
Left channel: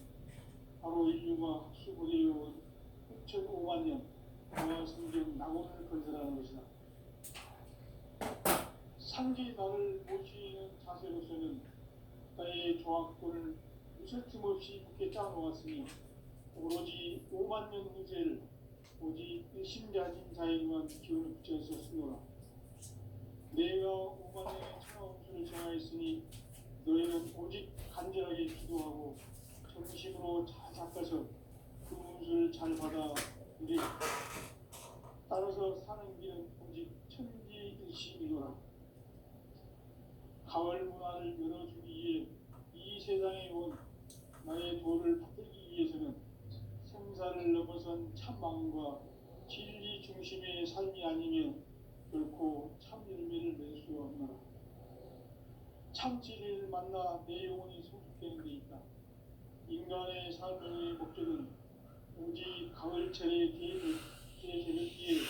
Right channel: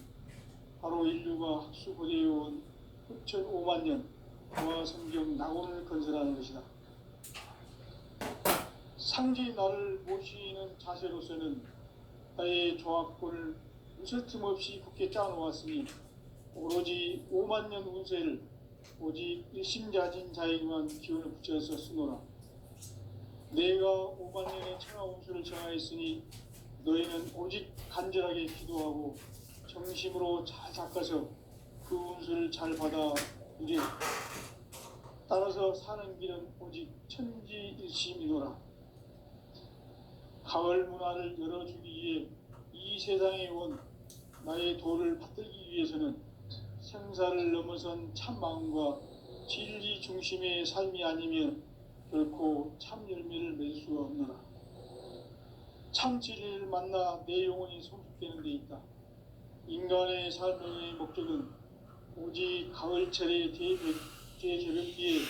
바로 인류가 학수고대해온 후천 5만 년 조화 성경 낙원을 건설하는 것이다. 상제 나를 모시는 자세로서는 나의 조화권을 무쇠틈 없이 굳게 짜놓았으니 오로지 5만 년 운세를 오직 일심자진 자에게만 기운을 붙여서 쓰노라. 내가 5만 년의 천하 운수를 정하였으니 너희는 오직 간절하게 기도하고 정심으로 잘 닦아서 그 운수를 잘 받아 누리라. 따라서 사는 길은 오직 천지일심이노라. 가을 문화를 열어주기 위해 이 세상에 온 나의 도를 받들기 위해서는 생사를 넘어선 참 마음과 진리 중심의 삶이 아니면 결코 참 열매를 맺을 수가 없노라. 참 진리를 만나 내 영혼이 성숙되는 데 있다. 인간의 삶의 목적은 오직 가을철의 대개벽기에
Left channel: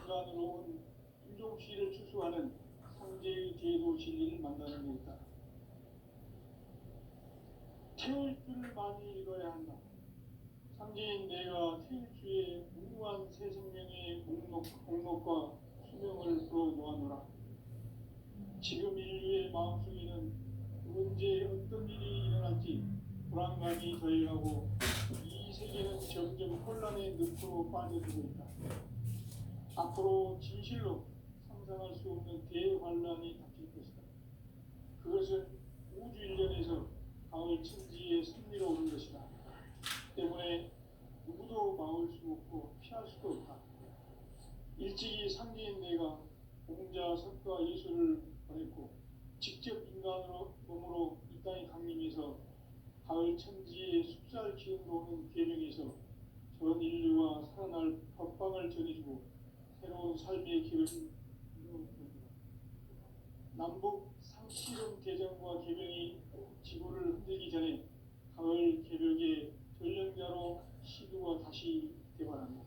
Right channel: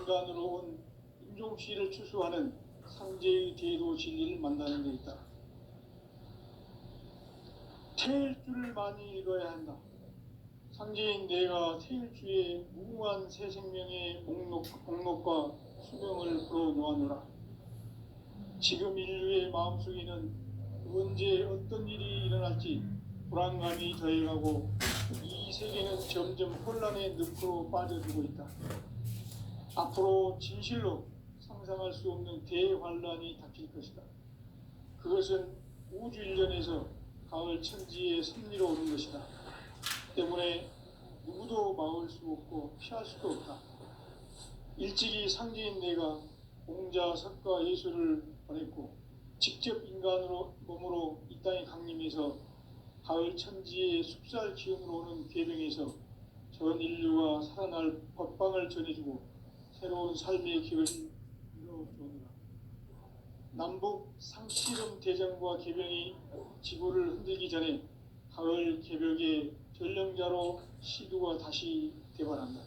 인간으로 온 인종시를 추수하는 상제의 대도 진리를 만나는 데 있다. 태일주를 많이 읽어야 한다. 상제인 내가 태일주의 무궁한 새 생명의 목록과 수명을 풀어놓았노라. 지금 인류의 마음속에는 언제 어떤 일이 일어날지 불안감이 더해가고 이 세계는 점점 혼란의 늪으로 빠져들고 있다. 앞으로 진실로 상상할 수 없는 대환란이 닥칠 것이다. 그것은 우주 일련에서 가을 천지의 섭리로 오는 것이다. 때문에 누구도 막을 수 없고 피할 수도 없다. 일찍이 상제인 내가 공자, 석가, 예수를 보냈고 직접 인간으로 몸으로 이 땅에 강림해서 가을 천지의 숲살 기움으로 오는 계명에서 전 인류가 살아날 법방을 전해주고 새로운 삶의 길을 이루어주노라. 남북 상씨름 대전과 개병이 지구를 흔들기 전에 가을 개벽의 전령자로 시두가 다시 대발한다.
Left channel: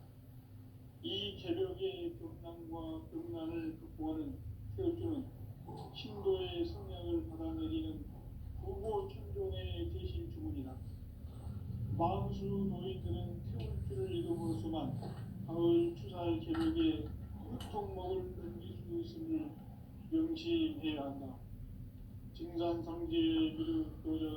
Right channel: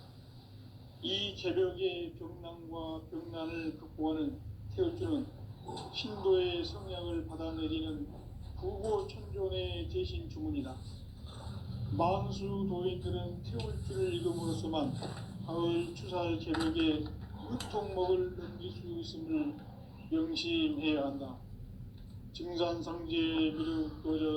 이 개벽의 병난과 병난을 극복하는 태울주는 신도의 성량을 받아내리는 부고천존의 대신 주문이다. 만수 도인들은 태울주를 읽음으로써만 가을 추살 개벽에 유통목을 넘길 수 있음을 명심해야 한다. 증산상제 미륵도전